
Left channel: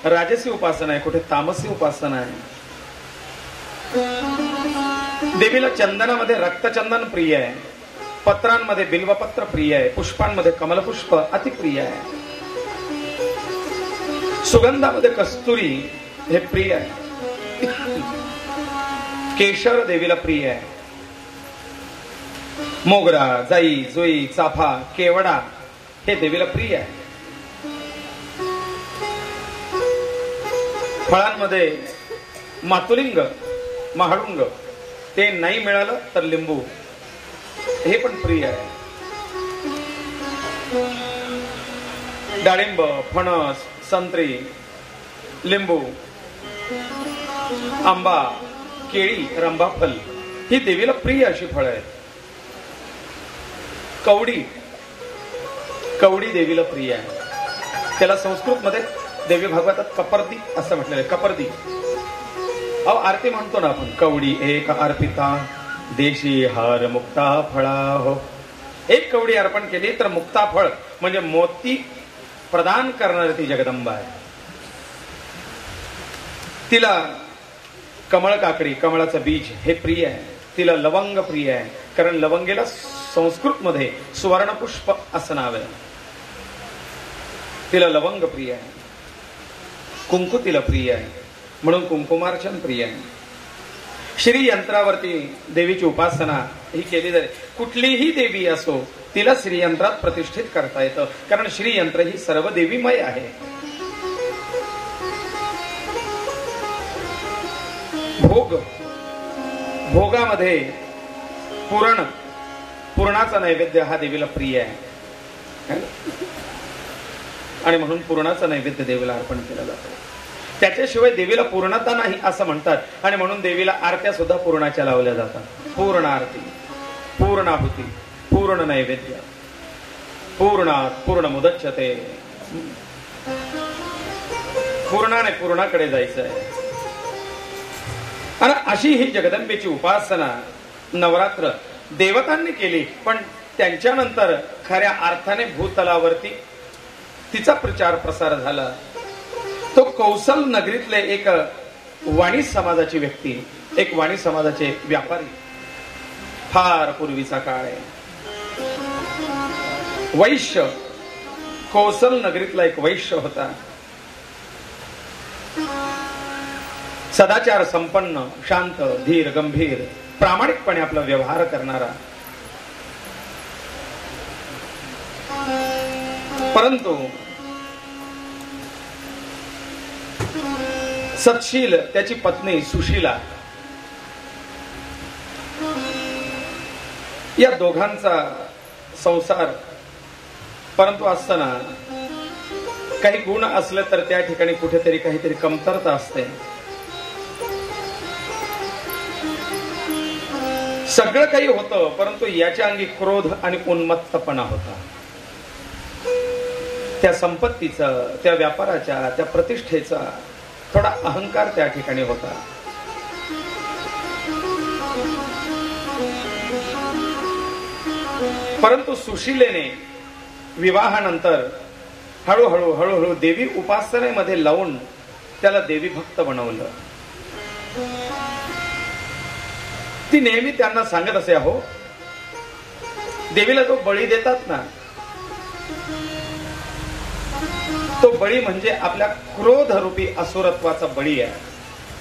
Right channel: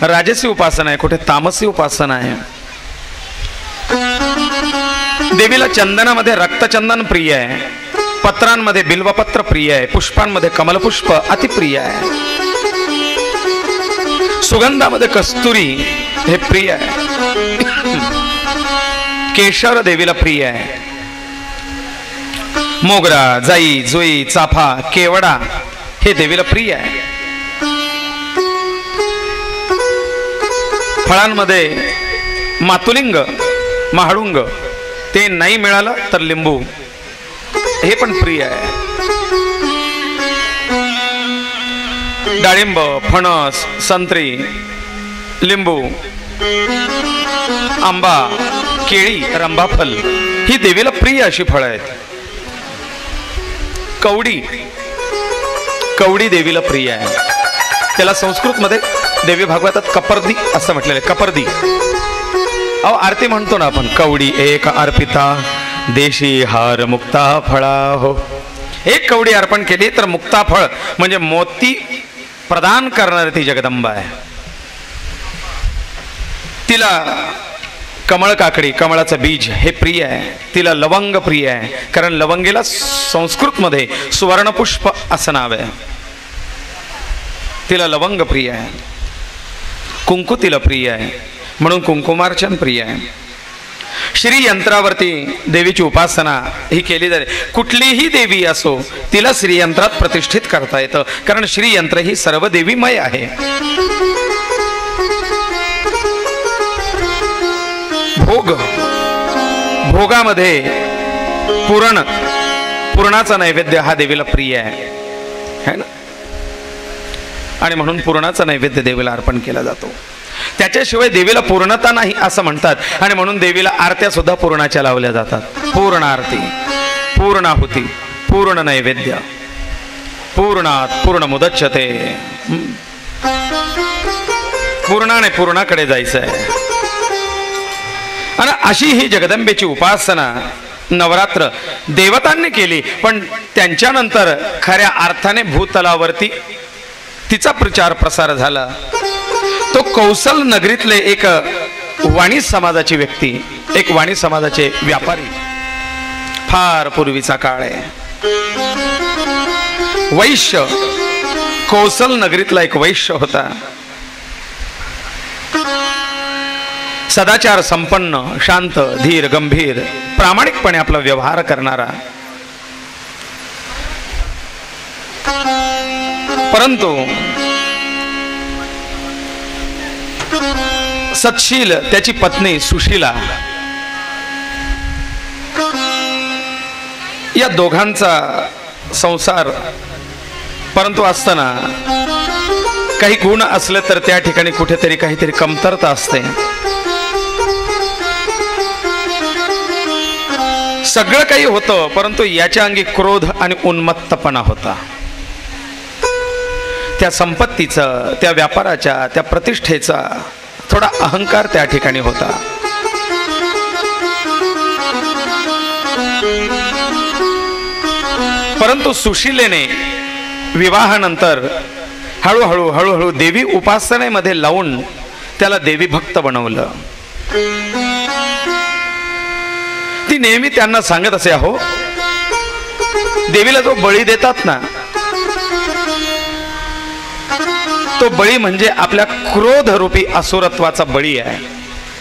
राजसी उपासना आहे, कुठे तामसी उपासना आहे. देवीला चंदनामध्ये रक्तचंदन प्रिय आहे, पत्रांमध्ये बिल्वपत्र प्रिय आहे, पुष्पांमध्ये कमलपुष्प अतिप्रिय आहे, सुगंधामध्ये कस्तुरी हे प्रिय आहे, केशर देवीला प्रिय आहे, मोगरा, जाई, जुई, चाफा, केवडा हे देवीला प्रिय आहे. फळांमध्ये मातुलिंग, महाडुंग ते नाही मिळालं तर लिंबू हे पण प्रिय आहे. डाळिंब, फणस, संत्री, लिंबू, आंबा, केळी, रंभाफल ही देवीला प्रिय अशी फळं आहेत. कवडी, कवडी देवीला प्रिय आहे. त्याला संस्कृत मध्ये देवी भागवतात कपर्दी असं म्हटलेलं आहे. कपर्दी, अहो आरती म्हणतो ना आपण, कवडी एक अर्पिता देशी हार मुक्ता फळा हो. एक कवडी अर्पण केली तर मुक्ता फळ म्हणजे मोती प्रदान करणारी ती जगदंबा आहे. तिला कमळ काकडी, कमळाचं बीज हे प्रिय आहे. तिला लवंग प्रिय आहे, कारण लवंगीला संस्कृत मध्ये सुवर्णपुष्प असं नाव आहे. तिला लवंग प्रिय आहे. कुंकू तिला प्रिय आहे, म्हणून कुंकुमार्चन प्रिय आहे. श्री यंत्रावरती देवीची उपासना ही केली जाते. कुठलीही देवी असो तिला श्रीयंत्रात प्रतिष्ठित करता येतं, कारण श्रीयंत्र ही सर्व देवीमय आहे. भोग, भोगामध्ये पुरण, पुरणाचा नैवेद्य हा देवीला प्रिय आहे ना, आणि म्हणून पुरणाचा नैवेद्य देवीला अर्पण केला जातो. त्याच्याशिवाय देवीला पूर्णता नाही असं म्हणतात, आणि म्हणून देवीला आरत्या सुद्धा पूर्णाच्या लावल्या जातात. पूर्ण आरती, पूर्णाहुती, पूर्ण नैवेद्य, पूर्णात पूर्ण मुदच्छते. पूर्णाने पूर्णाकडे जायचं आहे. आणि अशी ही जगदंबेची उपासना नवरात्र देवतांनी केली, पण त्यांच्यानंतर खऱ्या अर्थाने भूतलावरती तिचा प्रचार प्रसार झाला. तो कौशल नगरीतले एक वाणी समाजाची व्यक्ती, एक वाणी समाजाचे व्यापारी, फार पूर्वीचा काळ आहे. वैश्य, कौशल नगरीतला एक वैश्य होता. सदाचार संपन्न, शांत, धीर, गंभीर, प्रामाणिकपणे आपला व्यवहार करणारा. परंतु सत्शील त्याची पत्नी सुशीला, या दोघांचा संसार परंतु असताना काही गुण असले तर त्या ठिकाणी कुठेतरी काहीतरी कमतरता असते. सगळं काही होतं, परंतु याच्या अंगी क्रोध आणि उन्मत्तपणा होता. त्या संपत्तीचा, त्या व्यापाराच्या, त्या प्रतिष्ठेचा थोडा अहंकार त्या ठिकाणी होता. परंतु सुशीलेने विवाहानंतर हळूहळू हळूहळू देवी उपासनेमध्ये लावून त्याला देवी भक्त बनवलं. ती नेहमी त्यांना सांगत असे, अहो देवीला जो बळी देतात ना, तो बळी म्हणजे आपल्या क्रोध रूपी असुरत्वाचा बळी आहे.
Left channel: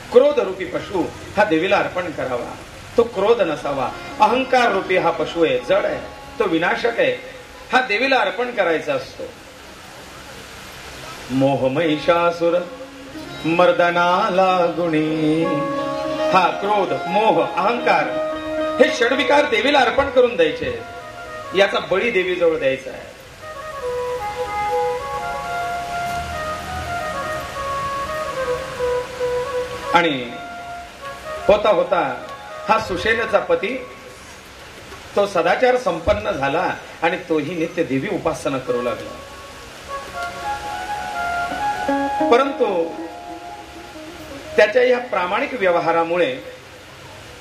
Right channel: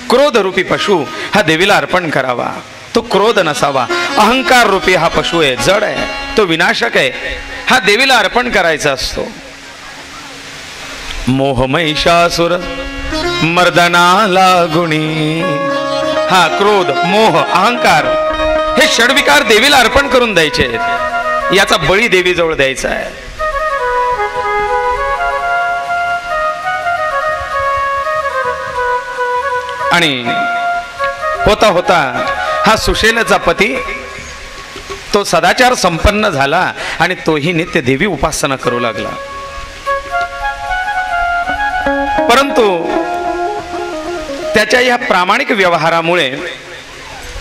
क्रोध रूपी पशु हा देवीला अर्पण करावा. तो क्रोध नसावा. अहंकार रूपी हा पशु आहे, जड आहे, तो विनाशक आहे, हा देवीला अर्पण करायचा असतो. मोहमहिषासुर मर्दनाला गुणी, हा क्रोध, मोह, अहंकार हे षडविकार देवीला अर्पण करून द्यायचे आहेत. याचा बळी देवीजवळ द्यायचा आहे. आणि होता होता हा सुशेलाचा पती तो सदाचार संपन्न झाला आणि तोही नित्य देवी उपासना करू लागला. परंतु त्याच्या या प्रामाणिक व्यवहारामुळे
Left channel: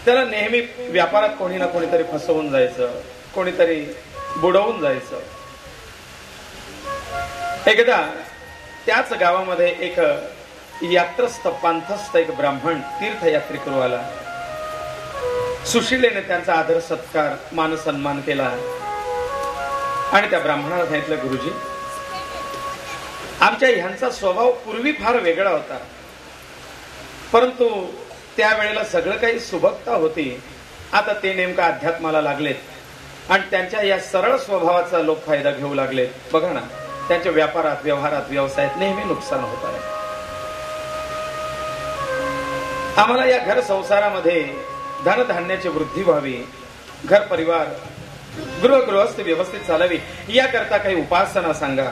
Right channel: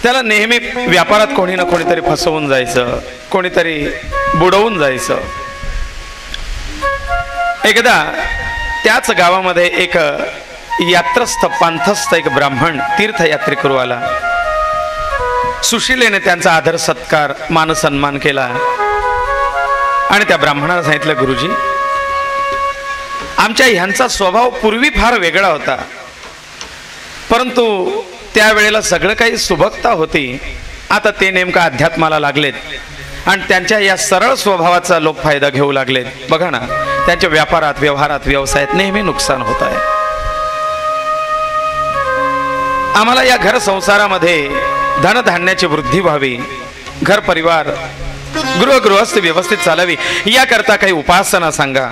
त्याला नेहमी व्यापारात कोणी ना कोणीतरी फसवून जायचं, कोणीतरी बुडवून जायचं. एकदा त्याच गावामध्ये एक यात्रस्थ पंथस्थ एक ब्राह्मण तीर्थयात्रे करू आला. सुशीलेने त्यांचा आदर सत्कार मान सन्मान केला आणि त्या ब्राह्मणाला सांगितलं, गुरुजी आमच्या ह्यांचा स्वभाव पूर्वी फार वेगळा होता, परंतु त्यावेळेला सगळं काही सुबकता होती. आता ते नेमकं अध्यात्माला लागलेत आणि त्यांच्या या सरळ स्वभावाचा लोक फायदा घेऊ लागलेत. बघा ना, त्यांच्या व्यापारात, व्यवहारात, व्यवसायात नेहमी नुकसान होत आहे. आम्हाला या घर संसारामध्ये धनधान्याची वृद्धी व्हावी, घर परिवार गृहस्थ व्यवस्थित चालावी, याकरता काही उपासना सांगा.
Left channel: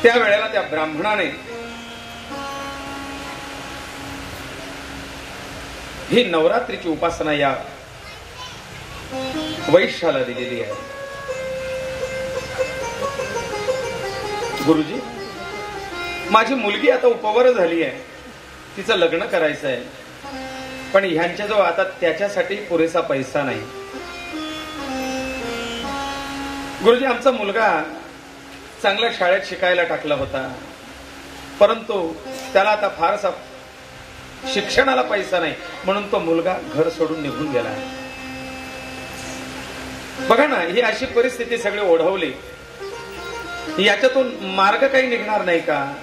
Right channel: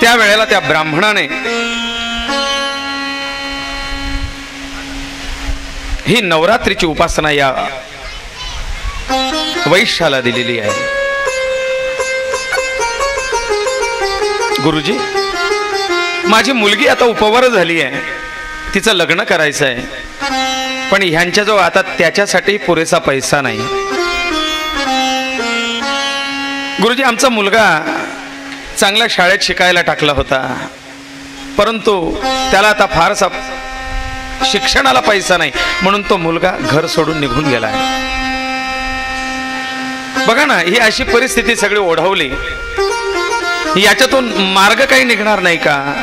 त्यावेळेला त्या ब्राह्मणाने ही नवरात्रीची उपासना या वैश्याला दिलेली आहे. गुरुजी माझी मुलगी आता उपवर झाली आहे, तिचं लग्न करायचं आहे, पण ह्यांच्याजवळ आता त्याच्यासाठी पुरेसा पैसा नाही. गुरुजी आमचा मुलगा चांगल्या शाळेत शिकायला टाकला होता, परंतु त्याला आता फारसा शिक्षणाला पैसा नाही, म्हणून तो मुलगा घर सोडून निघून गेला आहे. बघा ना, ही अशी परिस्थिती सगळी ओढवली, याच्यातून मार्ग काही निघणार नाही का?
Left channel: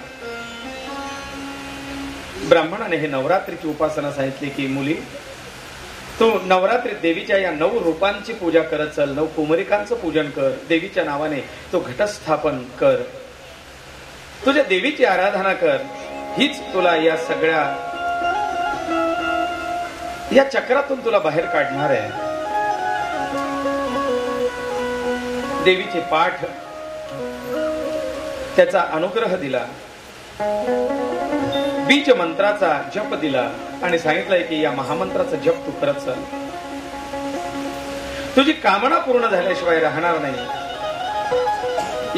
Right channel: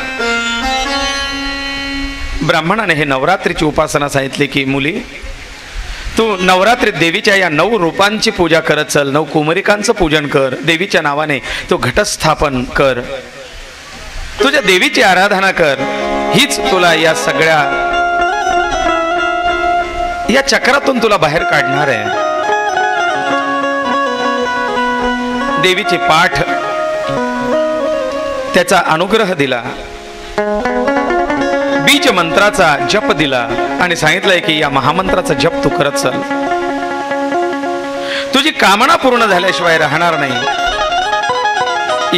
ब्राह्मणाने हे नवरात्रीची उपासना सांगितली की मुली तू नवरात्रीत देवीच्या या 9 रूपांची पूजा करत चल, 9 कुमारिकांचं पूजन कर, देवीच्या नावाने तू घटस्थापन कर, तुझ्या देवीची आराधना कर, हीच तुला या सगळ्या या चक्रातून तुला बाहेर काढणार आहे. देवीची पाठ, त्याचा अनुग्रह दिला, बीज मंत्राचा जप दिला आणि सांगितलंय की या महामंत्राचा जप तू करत चल, तुझी कामना पूर्ण झाल्याशिवाय राहणार नाही.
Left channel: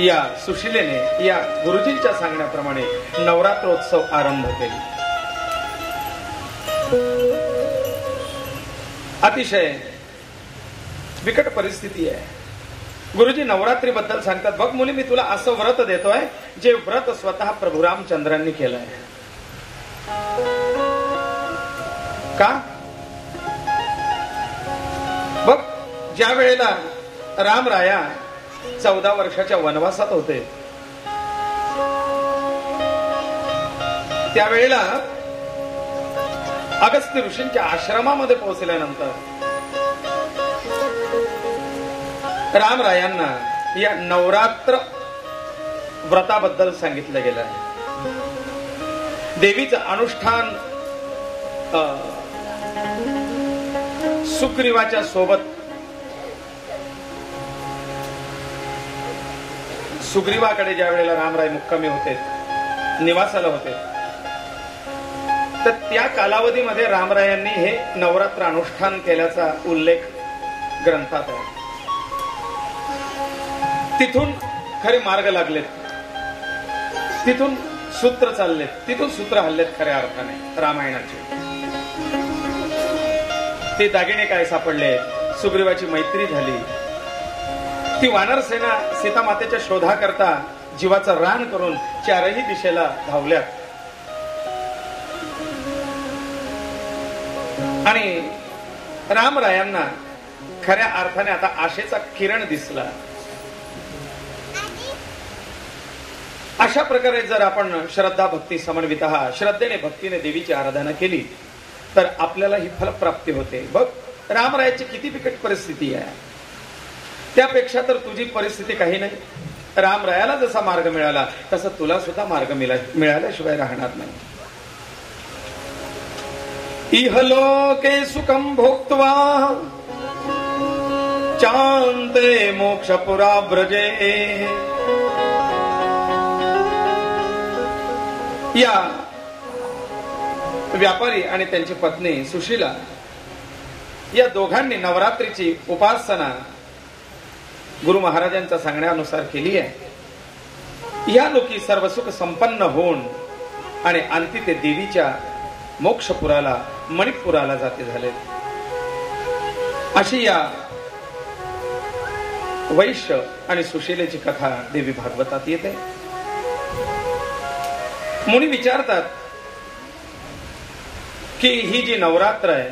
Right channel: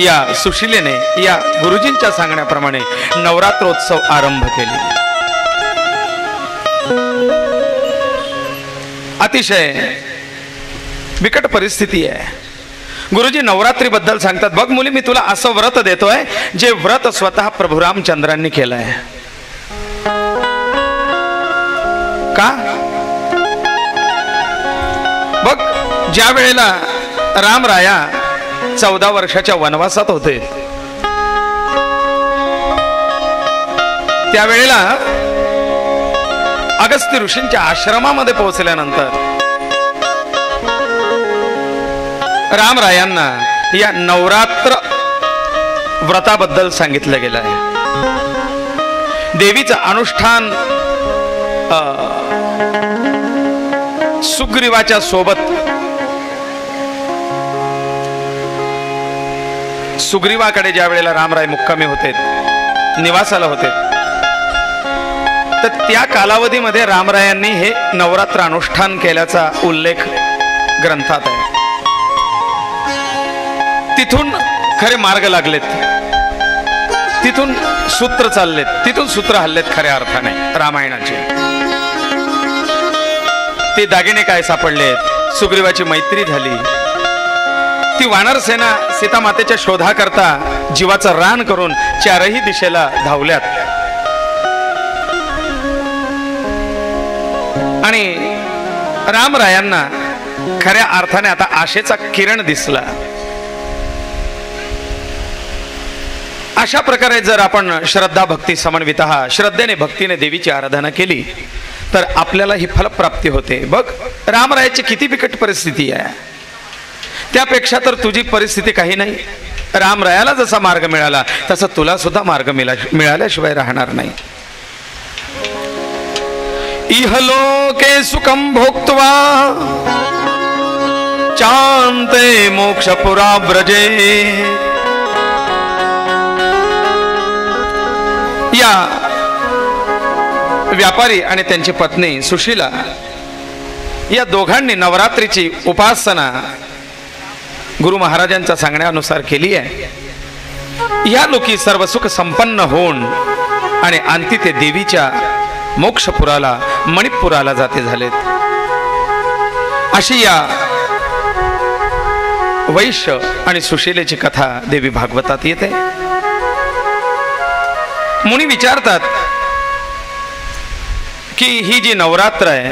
या सुशीलेने या गुरुजींच्या सांगण्याप्रमाणे नवरात्रोत्सव आरंभ केले. अतिशय बिकट परिस्थिती आहे. गुरुजी नवरात्री बद्दल सांगतात, बघ मुली मी तुला असं व्रत देतोय जे व्रत स्वतः प्रभू रामचंद्रांनी केलंय. का? बघ ज्या वेळेला रामराया 14 वर्षाच्या वनवासात होते त्यावेळेला अगस्त्य ऋषींच्या आश्रमामध्ये पोहोचल्यानंतर रामरायांना या नवरात्र व्रताबद्दल सांगितलं गेलं आहे. देवीचं अनुष्ठान सुग्रीवाच्या सोबत सुग्रीवाकडे ज्या वेळेला रामराय मुक्कामी होते, निवासाला होते, तर त्या कालावधीमध्ये रामरायांनी हे नवरात्र अनुष्ठान केल्याचा उल्लेख ग्रंथात आहे. तिथून खरे मार्ग लागलेत, तिथून सूत्र चाललेत, तिथून सूत्र हल्लेत खऱ्या अर्थाने रामायणाचे. ते दागिने काय सापडले, सुग्रीवाची मैत्री झाली, ती वानर सेना सीता मातेच्या शोधाकरता जीवाचं रान करून चारही दिशेला धावल्यात आणि रामरायांना खऱ्या अर्थाने आता आशेचा किरण दिसला. अशा प्रकारे जर आपण श्रद्धा भक्ती समन्वित श्रद्धेने भक्तीने देवीची आराधना केली तर आपल्याला ही फलप्राप्ती होते. बघ रामरायाची किती बिकट परिस्थिती आहे, त्यापेक्षा तर तुझी परिस्थिती काही नाही. रामरायाला जसा मार्ग मिळाला तसा तुला सुद्धा मार्ग मिळाल्याशिवाय राहणार नाही. इहलोके सुखं भोक्त्वा चान्ते मोक्षपुरा व्रजे. या व्यापारी आणि त्यांची पत्नी सुशीला या दोघांनी नवरात्रीची उपासना गुरु महाराजांच्या सांगण्यानुसार केली आहे. या लोकी सर्व सुख संपन्न होऊन आणि अंती ते देवीच्या मोक्षपुराला मणिपुराला जाते झालेत. अशी या वैश्य आणि सुशीलेची कथा देवी भागवतात येते. मुनी विचारतात की ही जी नवरात्र आहे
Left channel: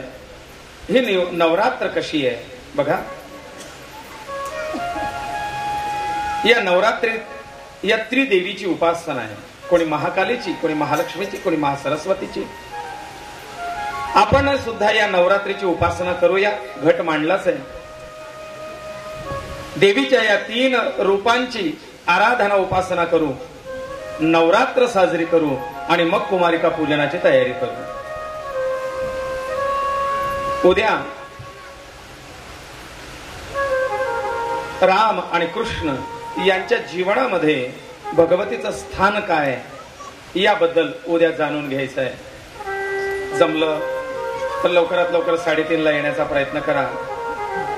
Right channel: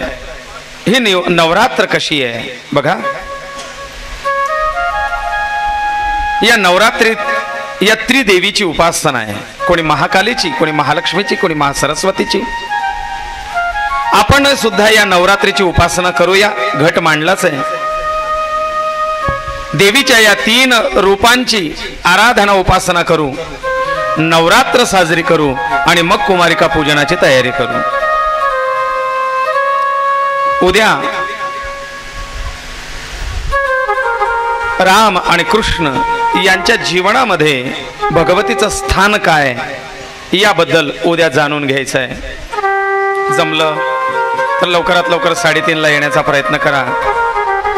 ही नवरात्र कशी आहे. बघा या नवरात्रीत या त्रिदेवीची उपासना आहे. कोणी महाकालीची, कोणी महालक्ष्मीची, कोणी महासरस्वतीची. आपण सुद्धा या नवरात्रीची उपासना करूया. घट मांडलाच आहे. देवीच्या या 3 रूपांची आराधना उपासना करू, नवरात्र साजरी करू आणि मग कुमारिका पूजनाची तयारी करू. उद्या राम आणि कृष्ण यांच्या जीवनामध्ये भगवतीचं स्थान काय याबद्दल उद्या जाणून घ्यायचं आहे. जमलं तर लवकरात लवकर 3:30ला येण्याचा प्रयत्न करा,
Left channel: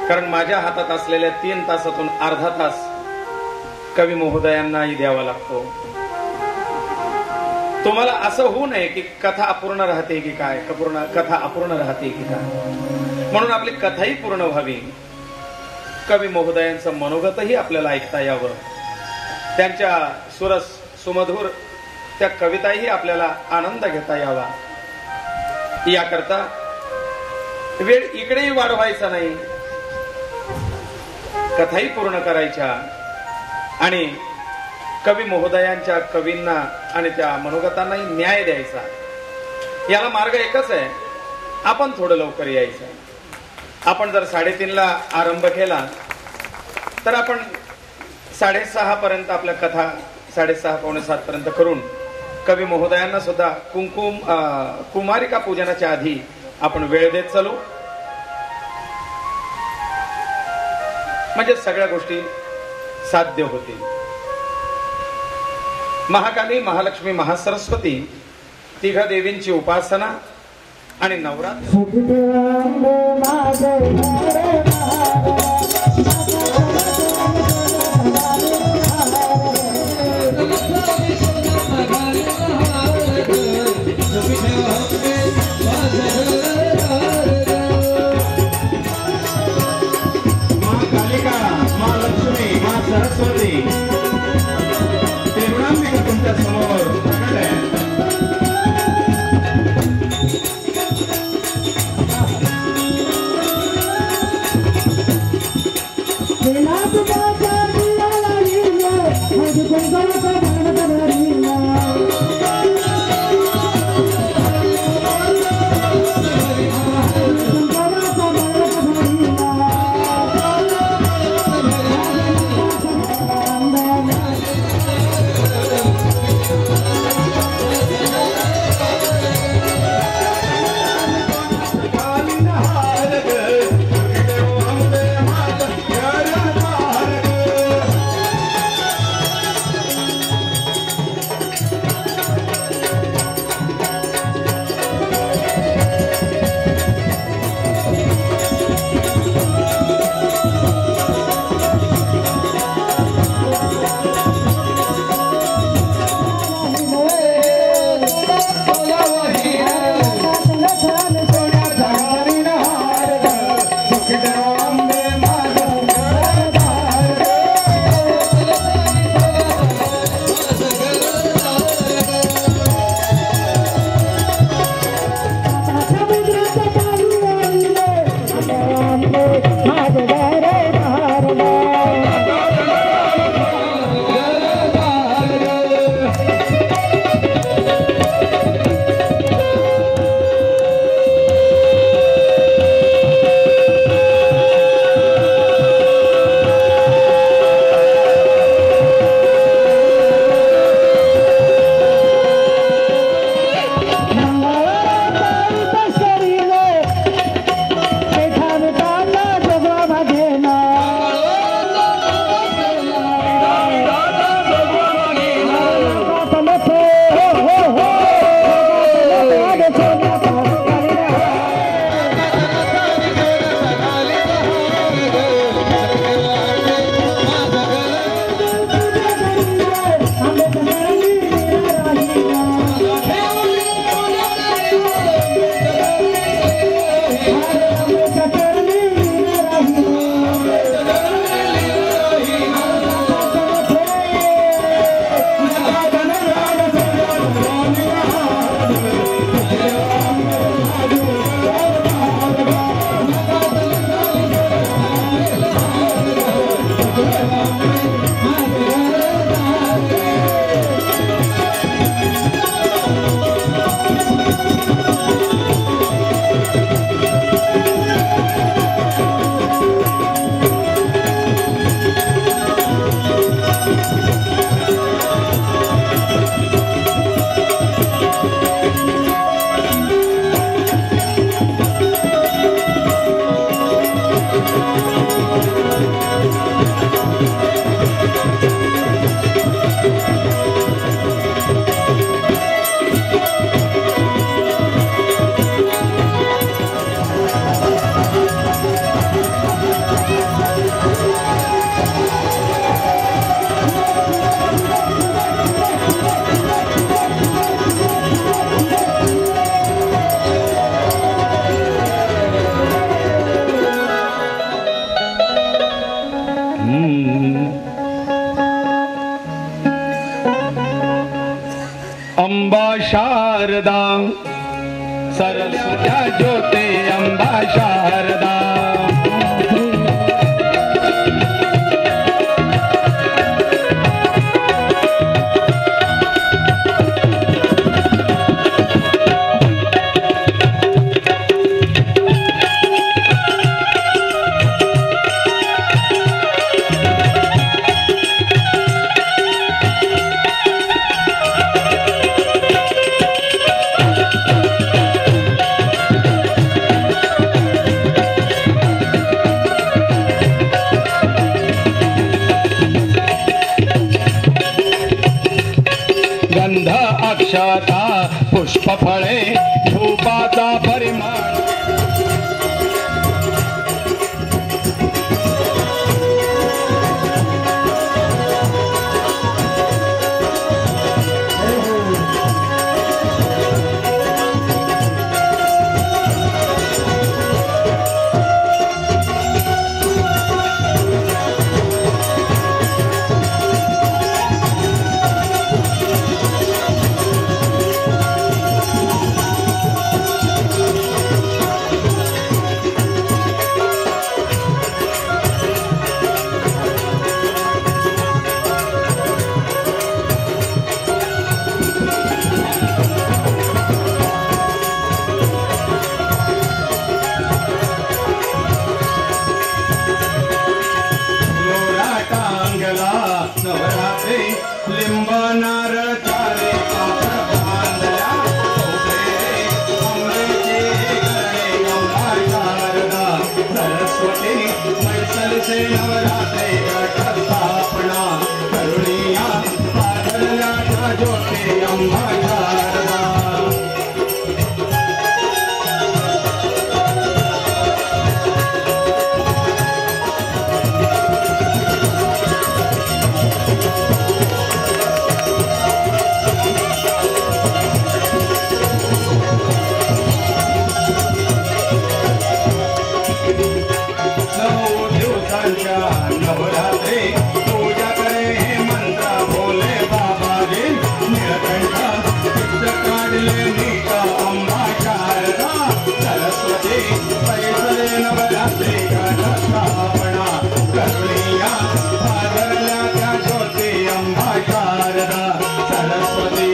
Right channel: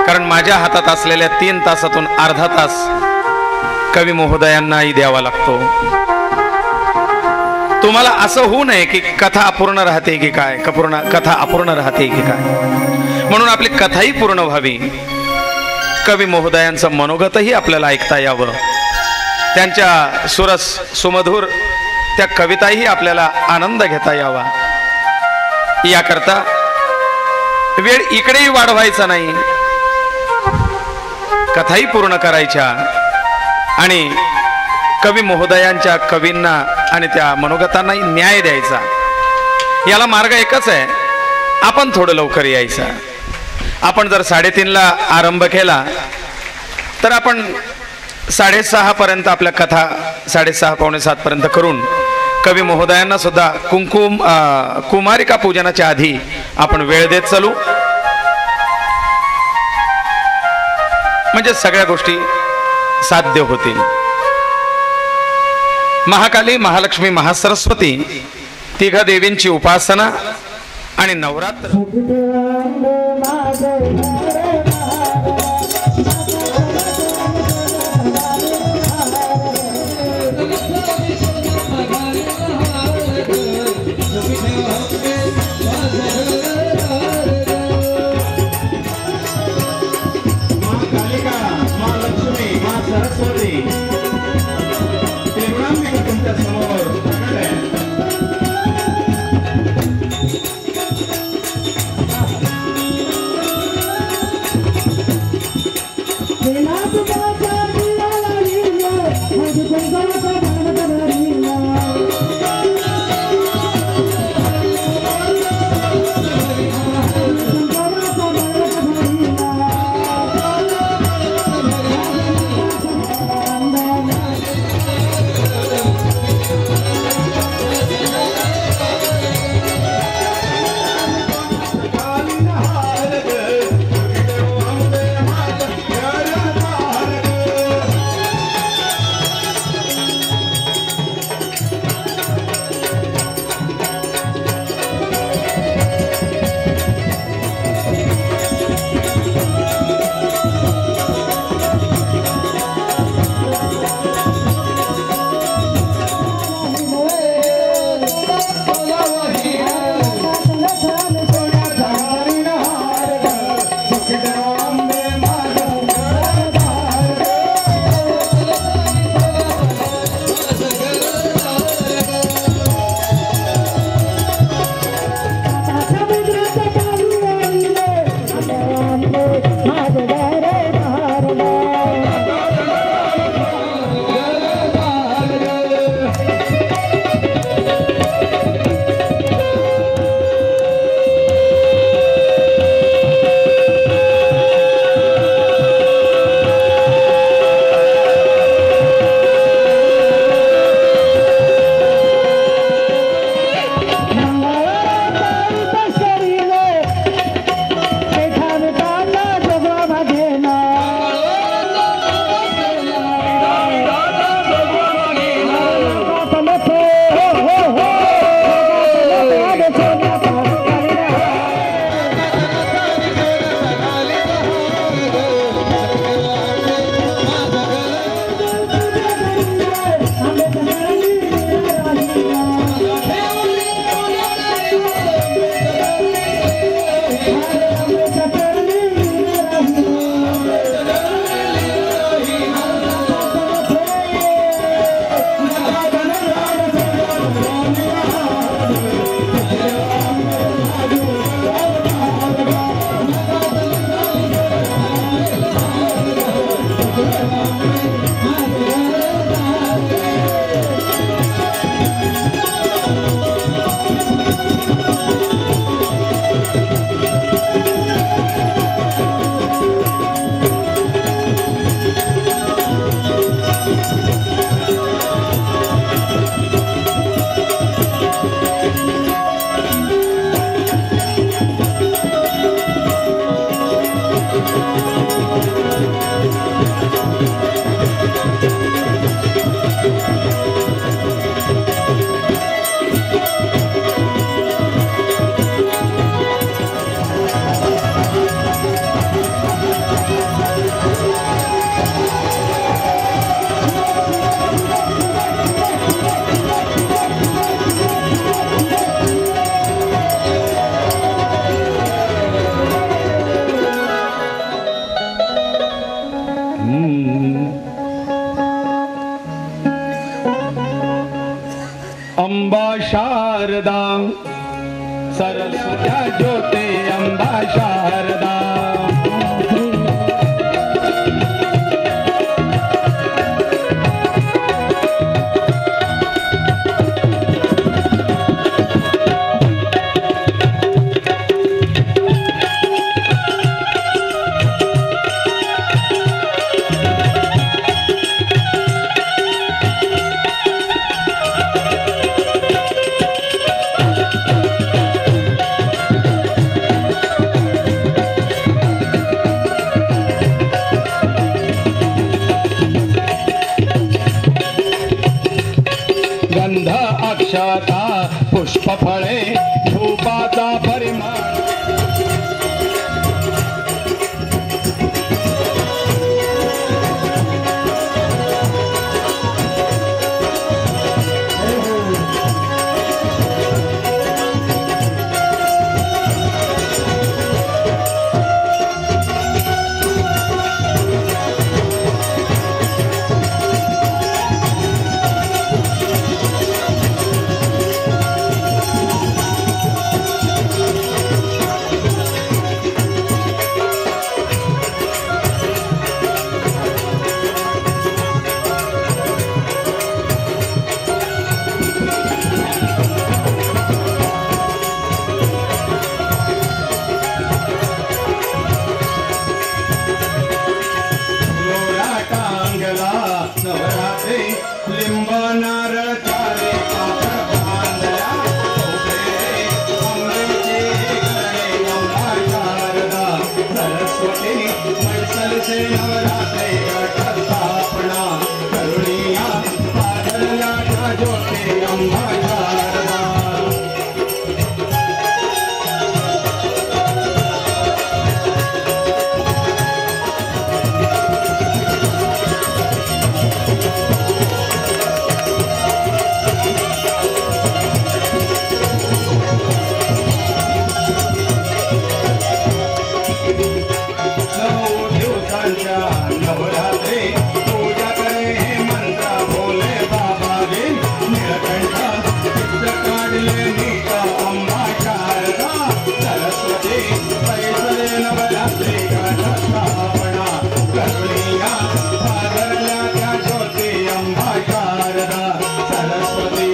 कारण माझ्या हातात असलेल्या 3 तासातून अर्धा तास कवी महोदयांनाही द्यावा लागतो. तुम्हाला असं होऊ नये की कथा अपूर्ण राहते की काय, कथा अपूर्ण राहते की काय, म्हणून आपली कथाही पूर्ण व्हावी. कवी महोदयांचं मनोगतही आपल्याला ऐकता यावं, त्यांच्या सुरस सुमधुर त्या कविताही आपल्याला आनंद घेता यावा. याकरता वेळ इकडेही वाढवायचा नाही, कथाही पूर्ण करायच्या आणि कवी महोदयांच्या कवींना आणि त्या मनोगतांनाही न्याय द्यायचा. याला मार्ग एकच आहे, आपण थोडं लवकर यायचं. आपण जर 3:30ला आरंभ केला तर आपण 6:30 पर्यंत आपल्या कथा 6:30 पावणे 7 पर्यंत करून कवी महोदयांना सुद्धा कुमारिका पूजनाच्या आधी आपण वेळ देत चालू. म्हणजे सगळ्या गोष्टी साध्य होतील. महाकाली, महालक्ष्मी, महासरस्वती 3 देवींची उपासना आणि नवरात्र. अंबा शारदा सरस्वत्या ज्योते अंबा शारदा गंध अक्षता पुष्प फळे धूपाचा परिमळ नारळ चारे पापड बांधल्या उभे अमृते करणे अंबा शारदा सरस्वती मैसलचे नवरात्रे घट स्थापना करुणिया पाधरल्या ज्योती अंबा शारदा नवरात्रे पूजा करे मंत्र बोले बाबा रे नीलकंठ चित्र काढले नीता अंबा शारदा सरस्वती पैसले नवरात्रे घट स्थापना करुणिया पाधरल्या त्या ज्योती अंबा शारदा सरस्वती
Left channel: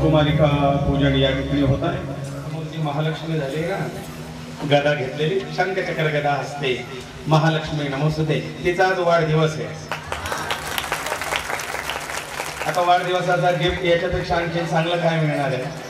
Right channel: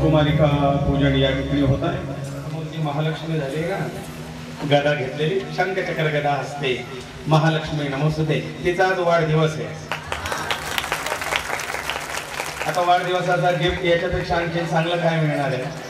कुमारिका पूजन या ठिकाणी होत आहे. मूर्ती महालक्ष्मी झाली का गदा घेतलेली शंखचक्र गदा असते महालक्ष्मी नमोस्तुते. तिचा आज वाढदिवस आहे. आता वाढदिवसाचा गिफ्ट याच्यापेक्षा आणखी चांगलं काय मिळणार आहे.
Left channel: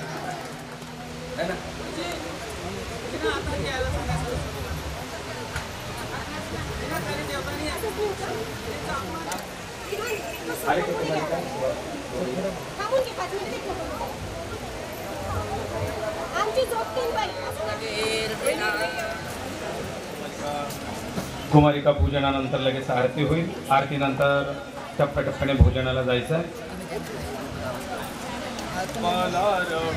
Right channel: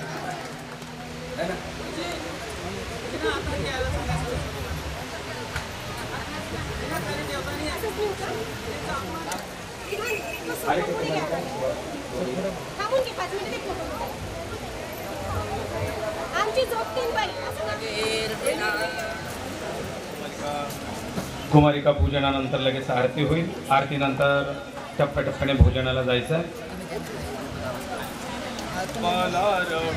कुमारिका पूजनानंतर लगेच आरती होईल. आरतीनंतर टप्प्याटप्प्याने भोजनाला जायचं.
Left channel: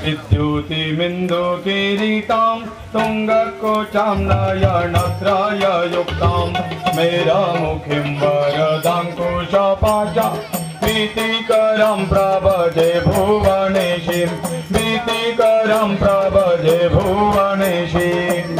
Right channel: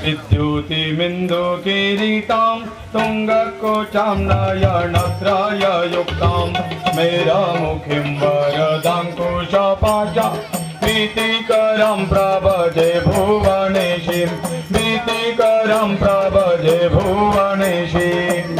विद्युतिमिन्दु किरीटां तुङ्गकोचां नयनत्रय युक्तां मेरामुखीं वरदाङ्कुशपाशा भीतिकरं प्रभजे भुवनेशीं भीतिकरं प्रभजे भुवनेशीं.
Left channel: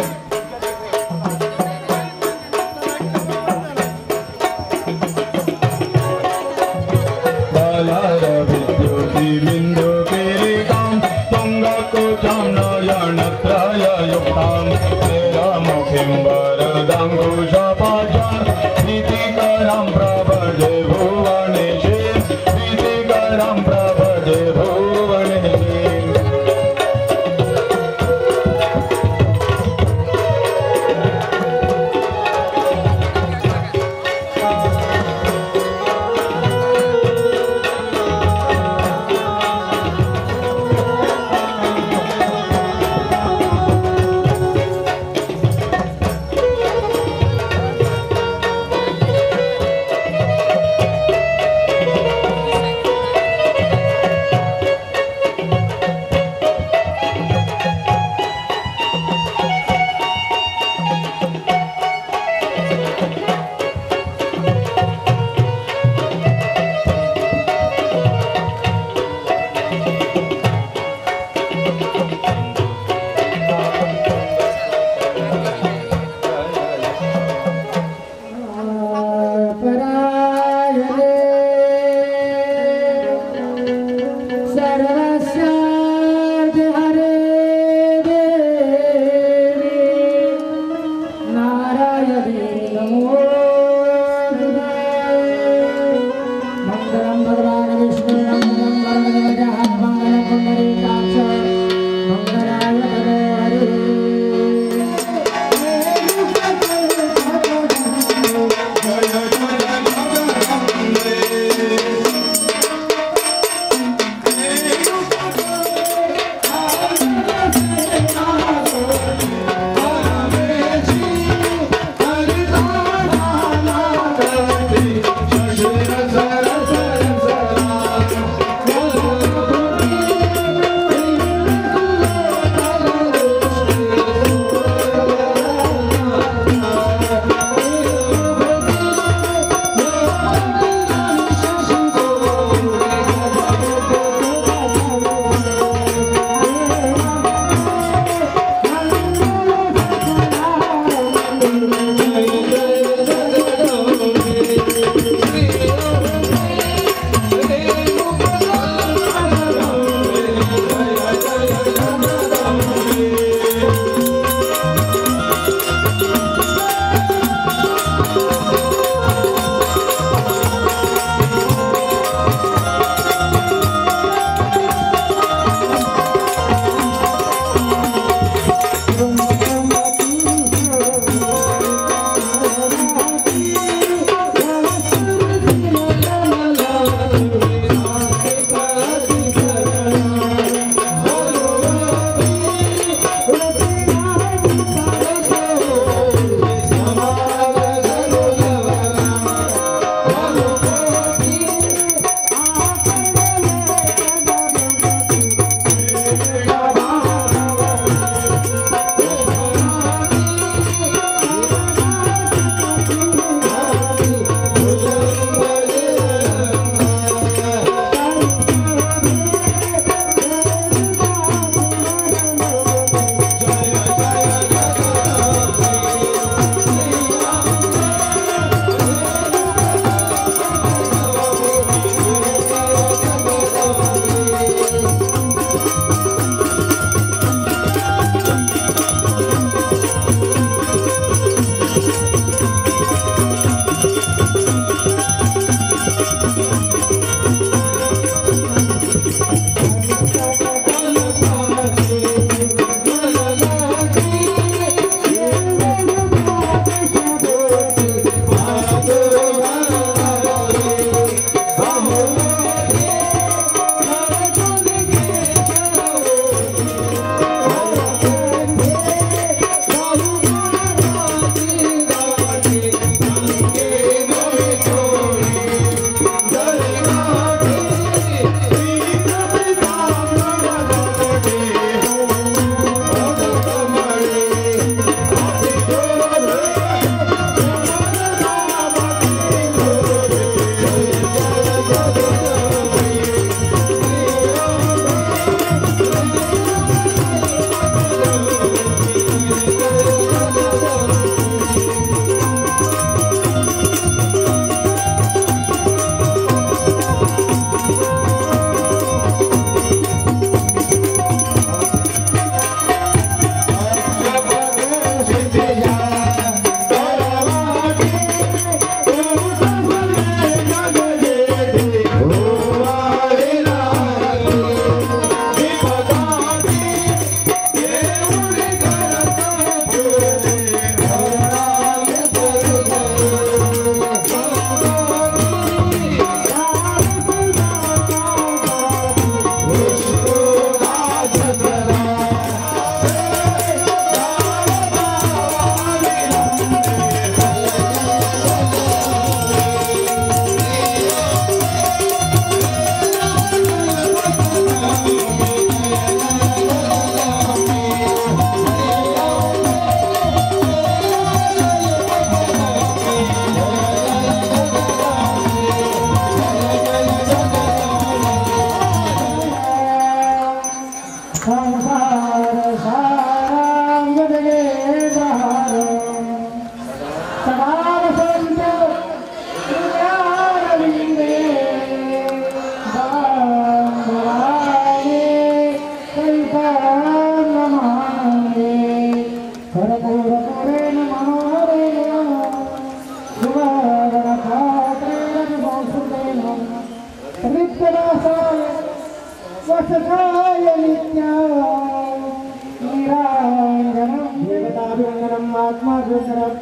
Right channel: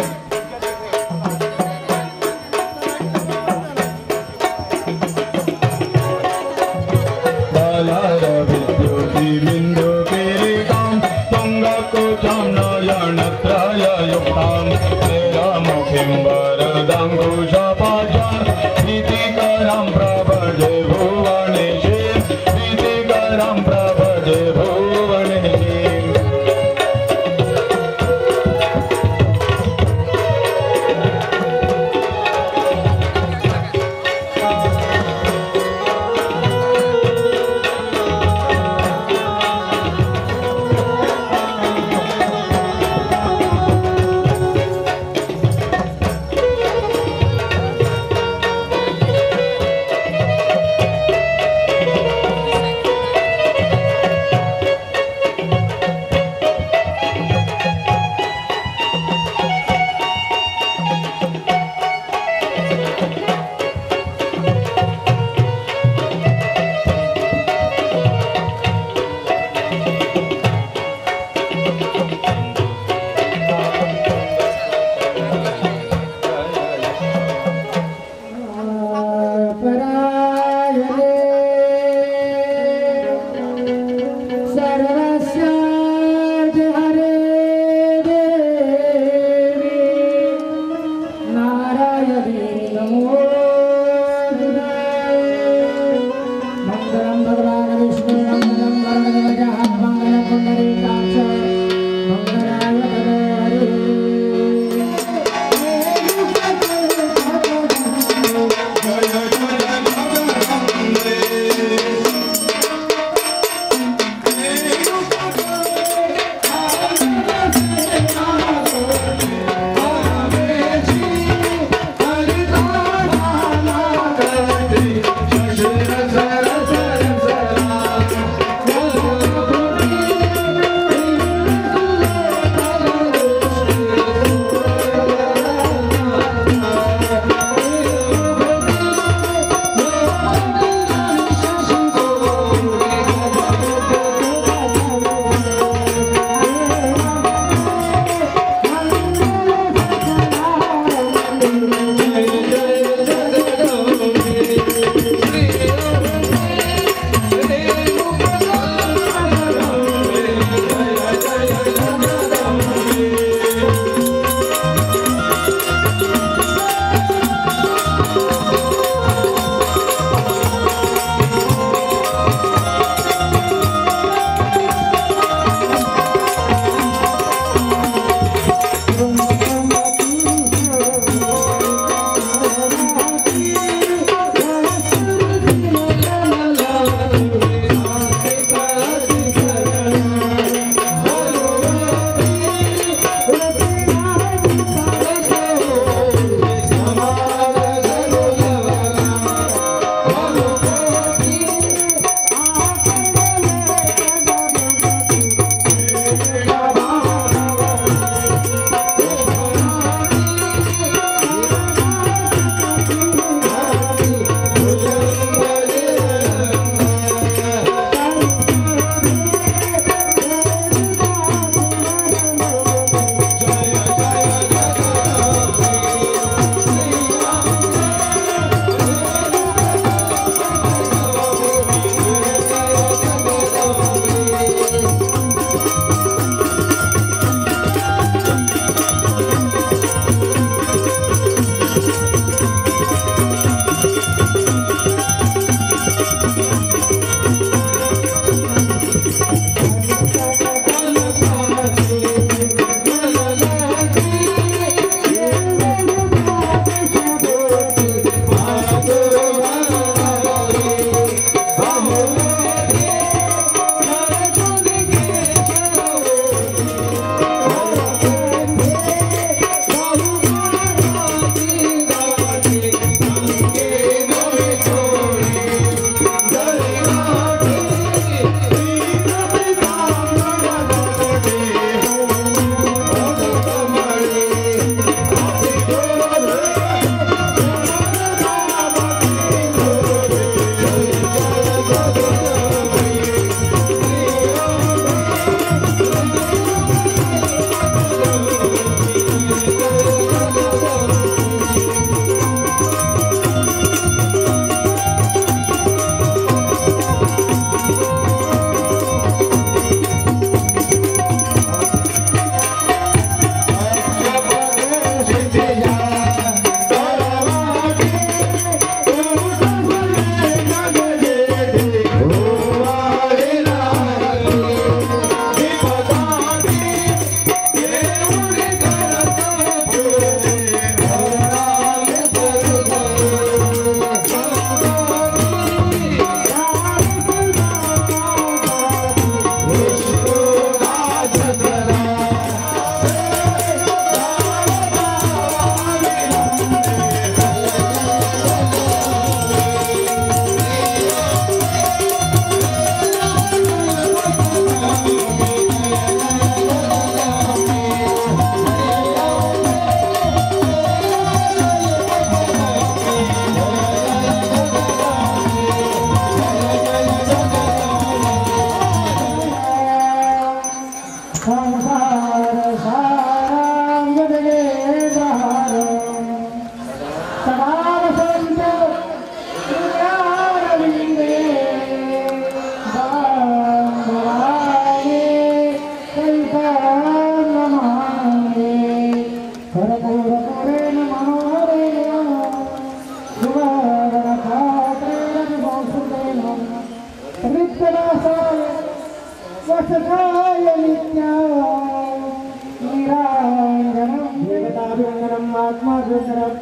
सर्वम् आत्माभितरं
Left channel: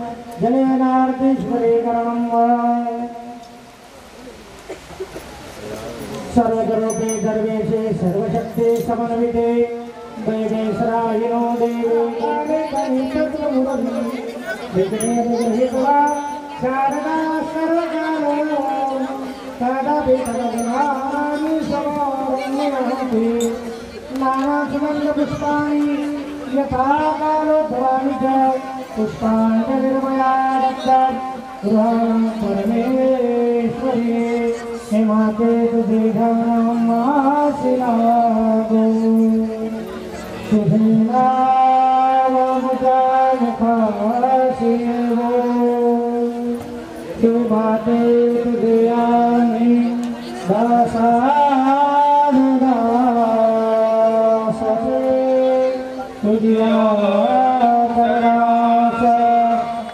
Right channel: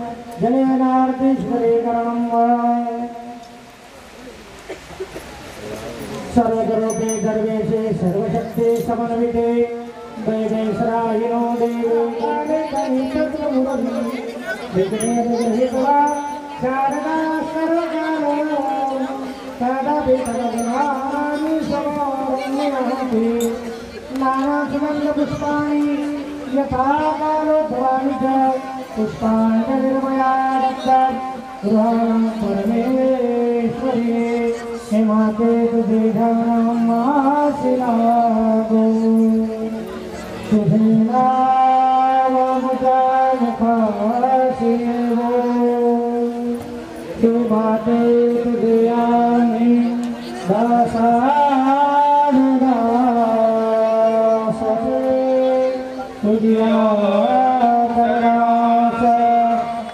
जनेनार्थिस्मरीकरणं सर्वरूपे सर्वेशे सर्वशक्ति समन्विते वैदेशरायिनो देवे शारदा सर्वकालो तदपि तदभिमानि समारम्यहति नानासुगन्धपुष्पाणि यथा कालो भवानि च पुष्पाणि निर्मया दत्तात् गृहाणं परमेश्वरी हेमाते तुझेघानं आसिनागो तुझेनावमुखाशिवो हेमाते तुझेयामि दासानुदासते तुझ्यातरास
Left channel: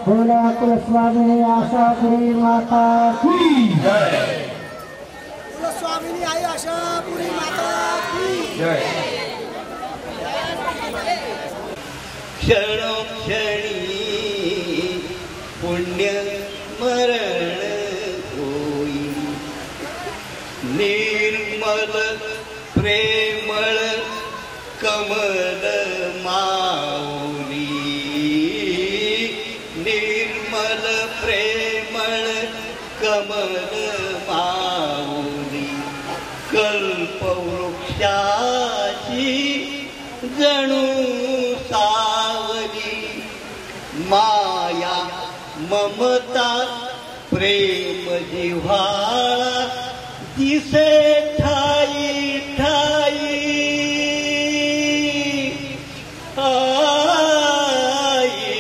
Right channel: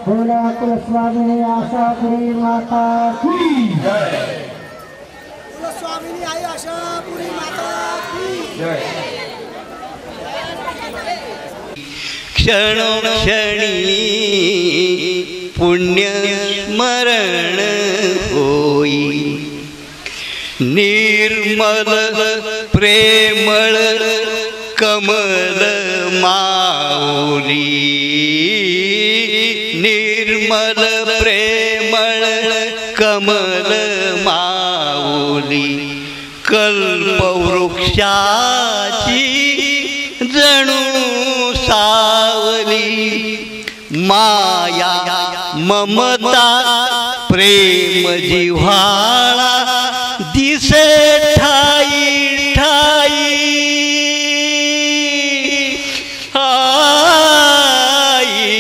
भोला कुलस्वामिनी आशापुरी माता की जय स्वामिनी आई आशापुरी माता की जय क्षणोक्षणी पुण्य स्मरण होई निर्मल प्रेमळ कमल माऊली निर्मल प्रेमळ कमल माऊली कल्पवृक्षाची जणू सावली माया ममता प्रेम जिव्हाळा दिसे ठाई ठाई आई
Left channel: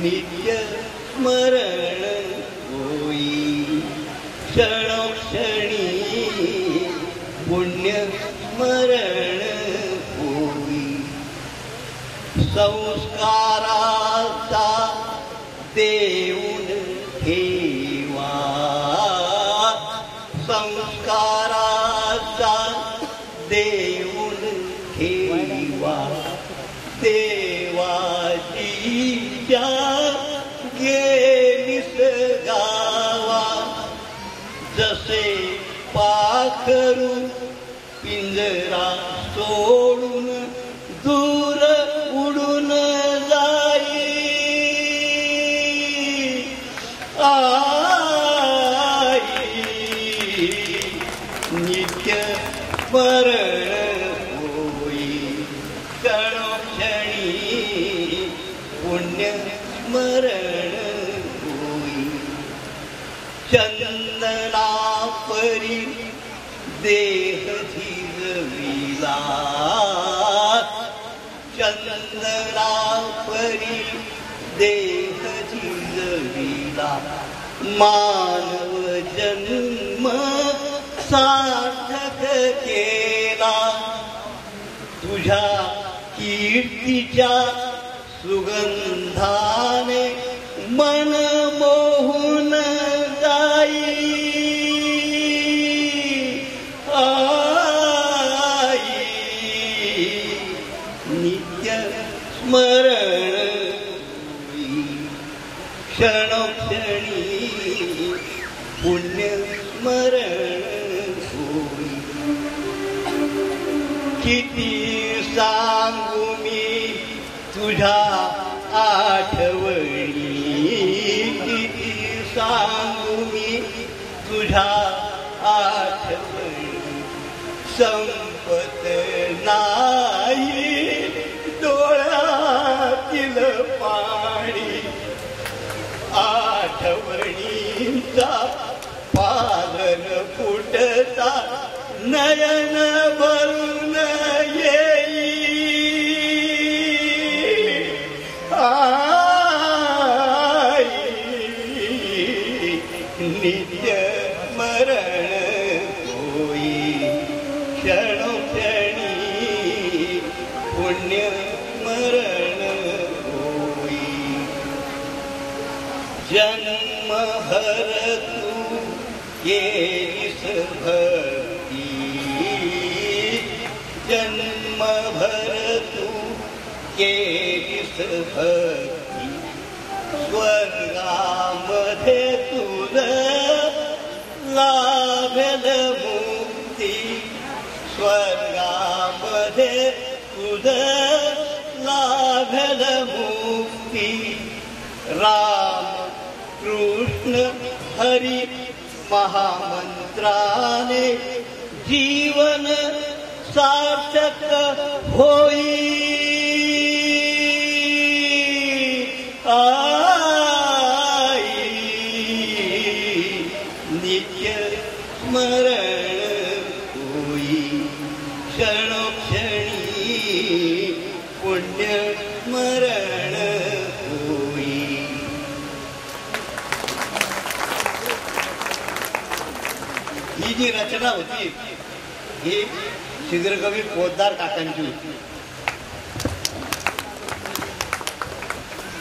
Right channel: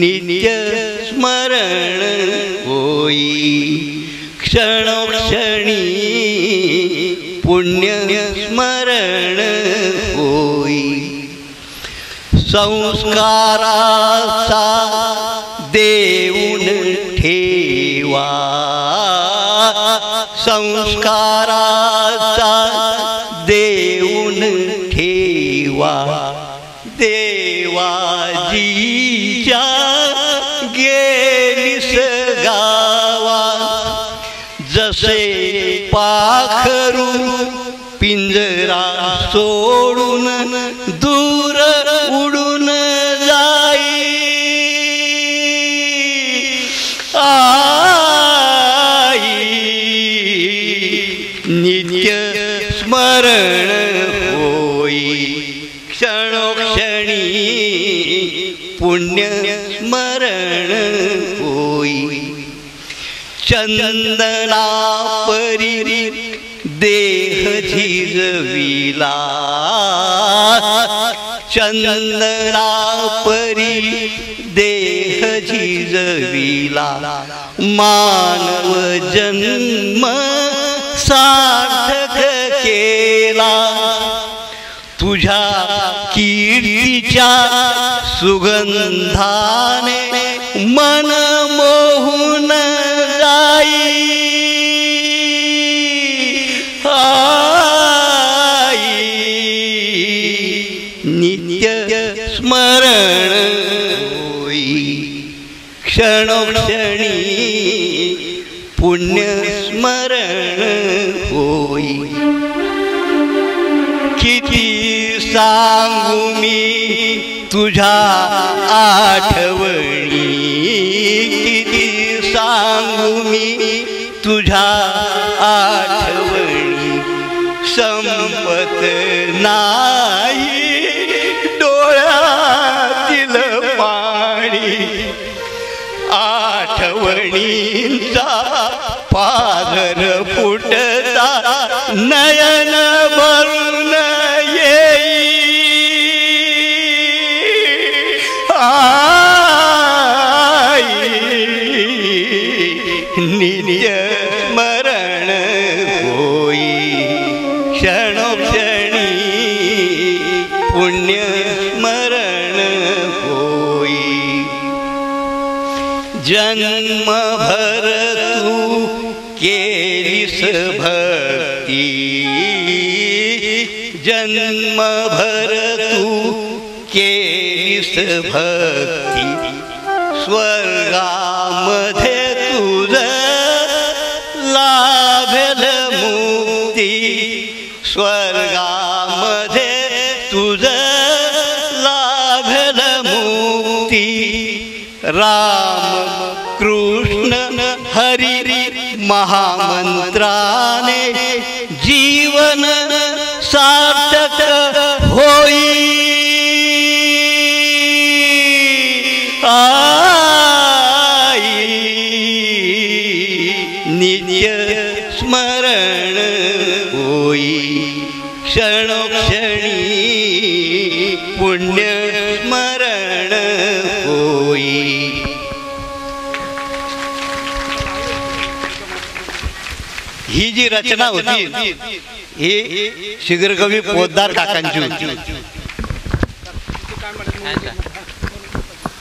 नित्य स्मरण होई क्षणोक्षणी पुण्य स्मरण होई संस्काराचा देऊन ठेवा संस्काराचा देऊन ठेवा देवाजीच्या गेलीस गावा जसे पाखरू पिंजरा सोडून दूर उडून जाई आई नित्य स्मरण होई क्षणोक्षणी पुण्य स्मरण होई चंदना परी देह झिजविला चंदना परी देह झिजविला मानव जन्म सार्थक केला तुझ्या कीर्तीच्या सुगंधाने मन मोहून जाई नित्य स्मरण होई क्षणोक्षणी पुण्य स्मरण होई किती सांगू मी तुझ्या आठवणी किती सांगू मी तुझ्या आठवणी संपत नाही डोळ्यातील पाणी आठवणींचा पाझर फुटता नयन भरून येई आई नित्य स्मरण होई क्षणोक्षणी पुण्य स्मरण होई जन्मभर तू केलीस भक्ती जन्मभर तू केलीस भक्ती स्वर्गामध्ये तुझ लाभेल मुक्ती स्वर्गामध्ये तुझ लाभेल मुक्ती राम कृष्ण हरी महामंत्राने जीवन सार्थक होई नित्य स्मरण होई क्षणोक्षणी पुण्य स्मरण होई. ही जी रचना होती ही शिगरकवी पोद्दार काकांची होती.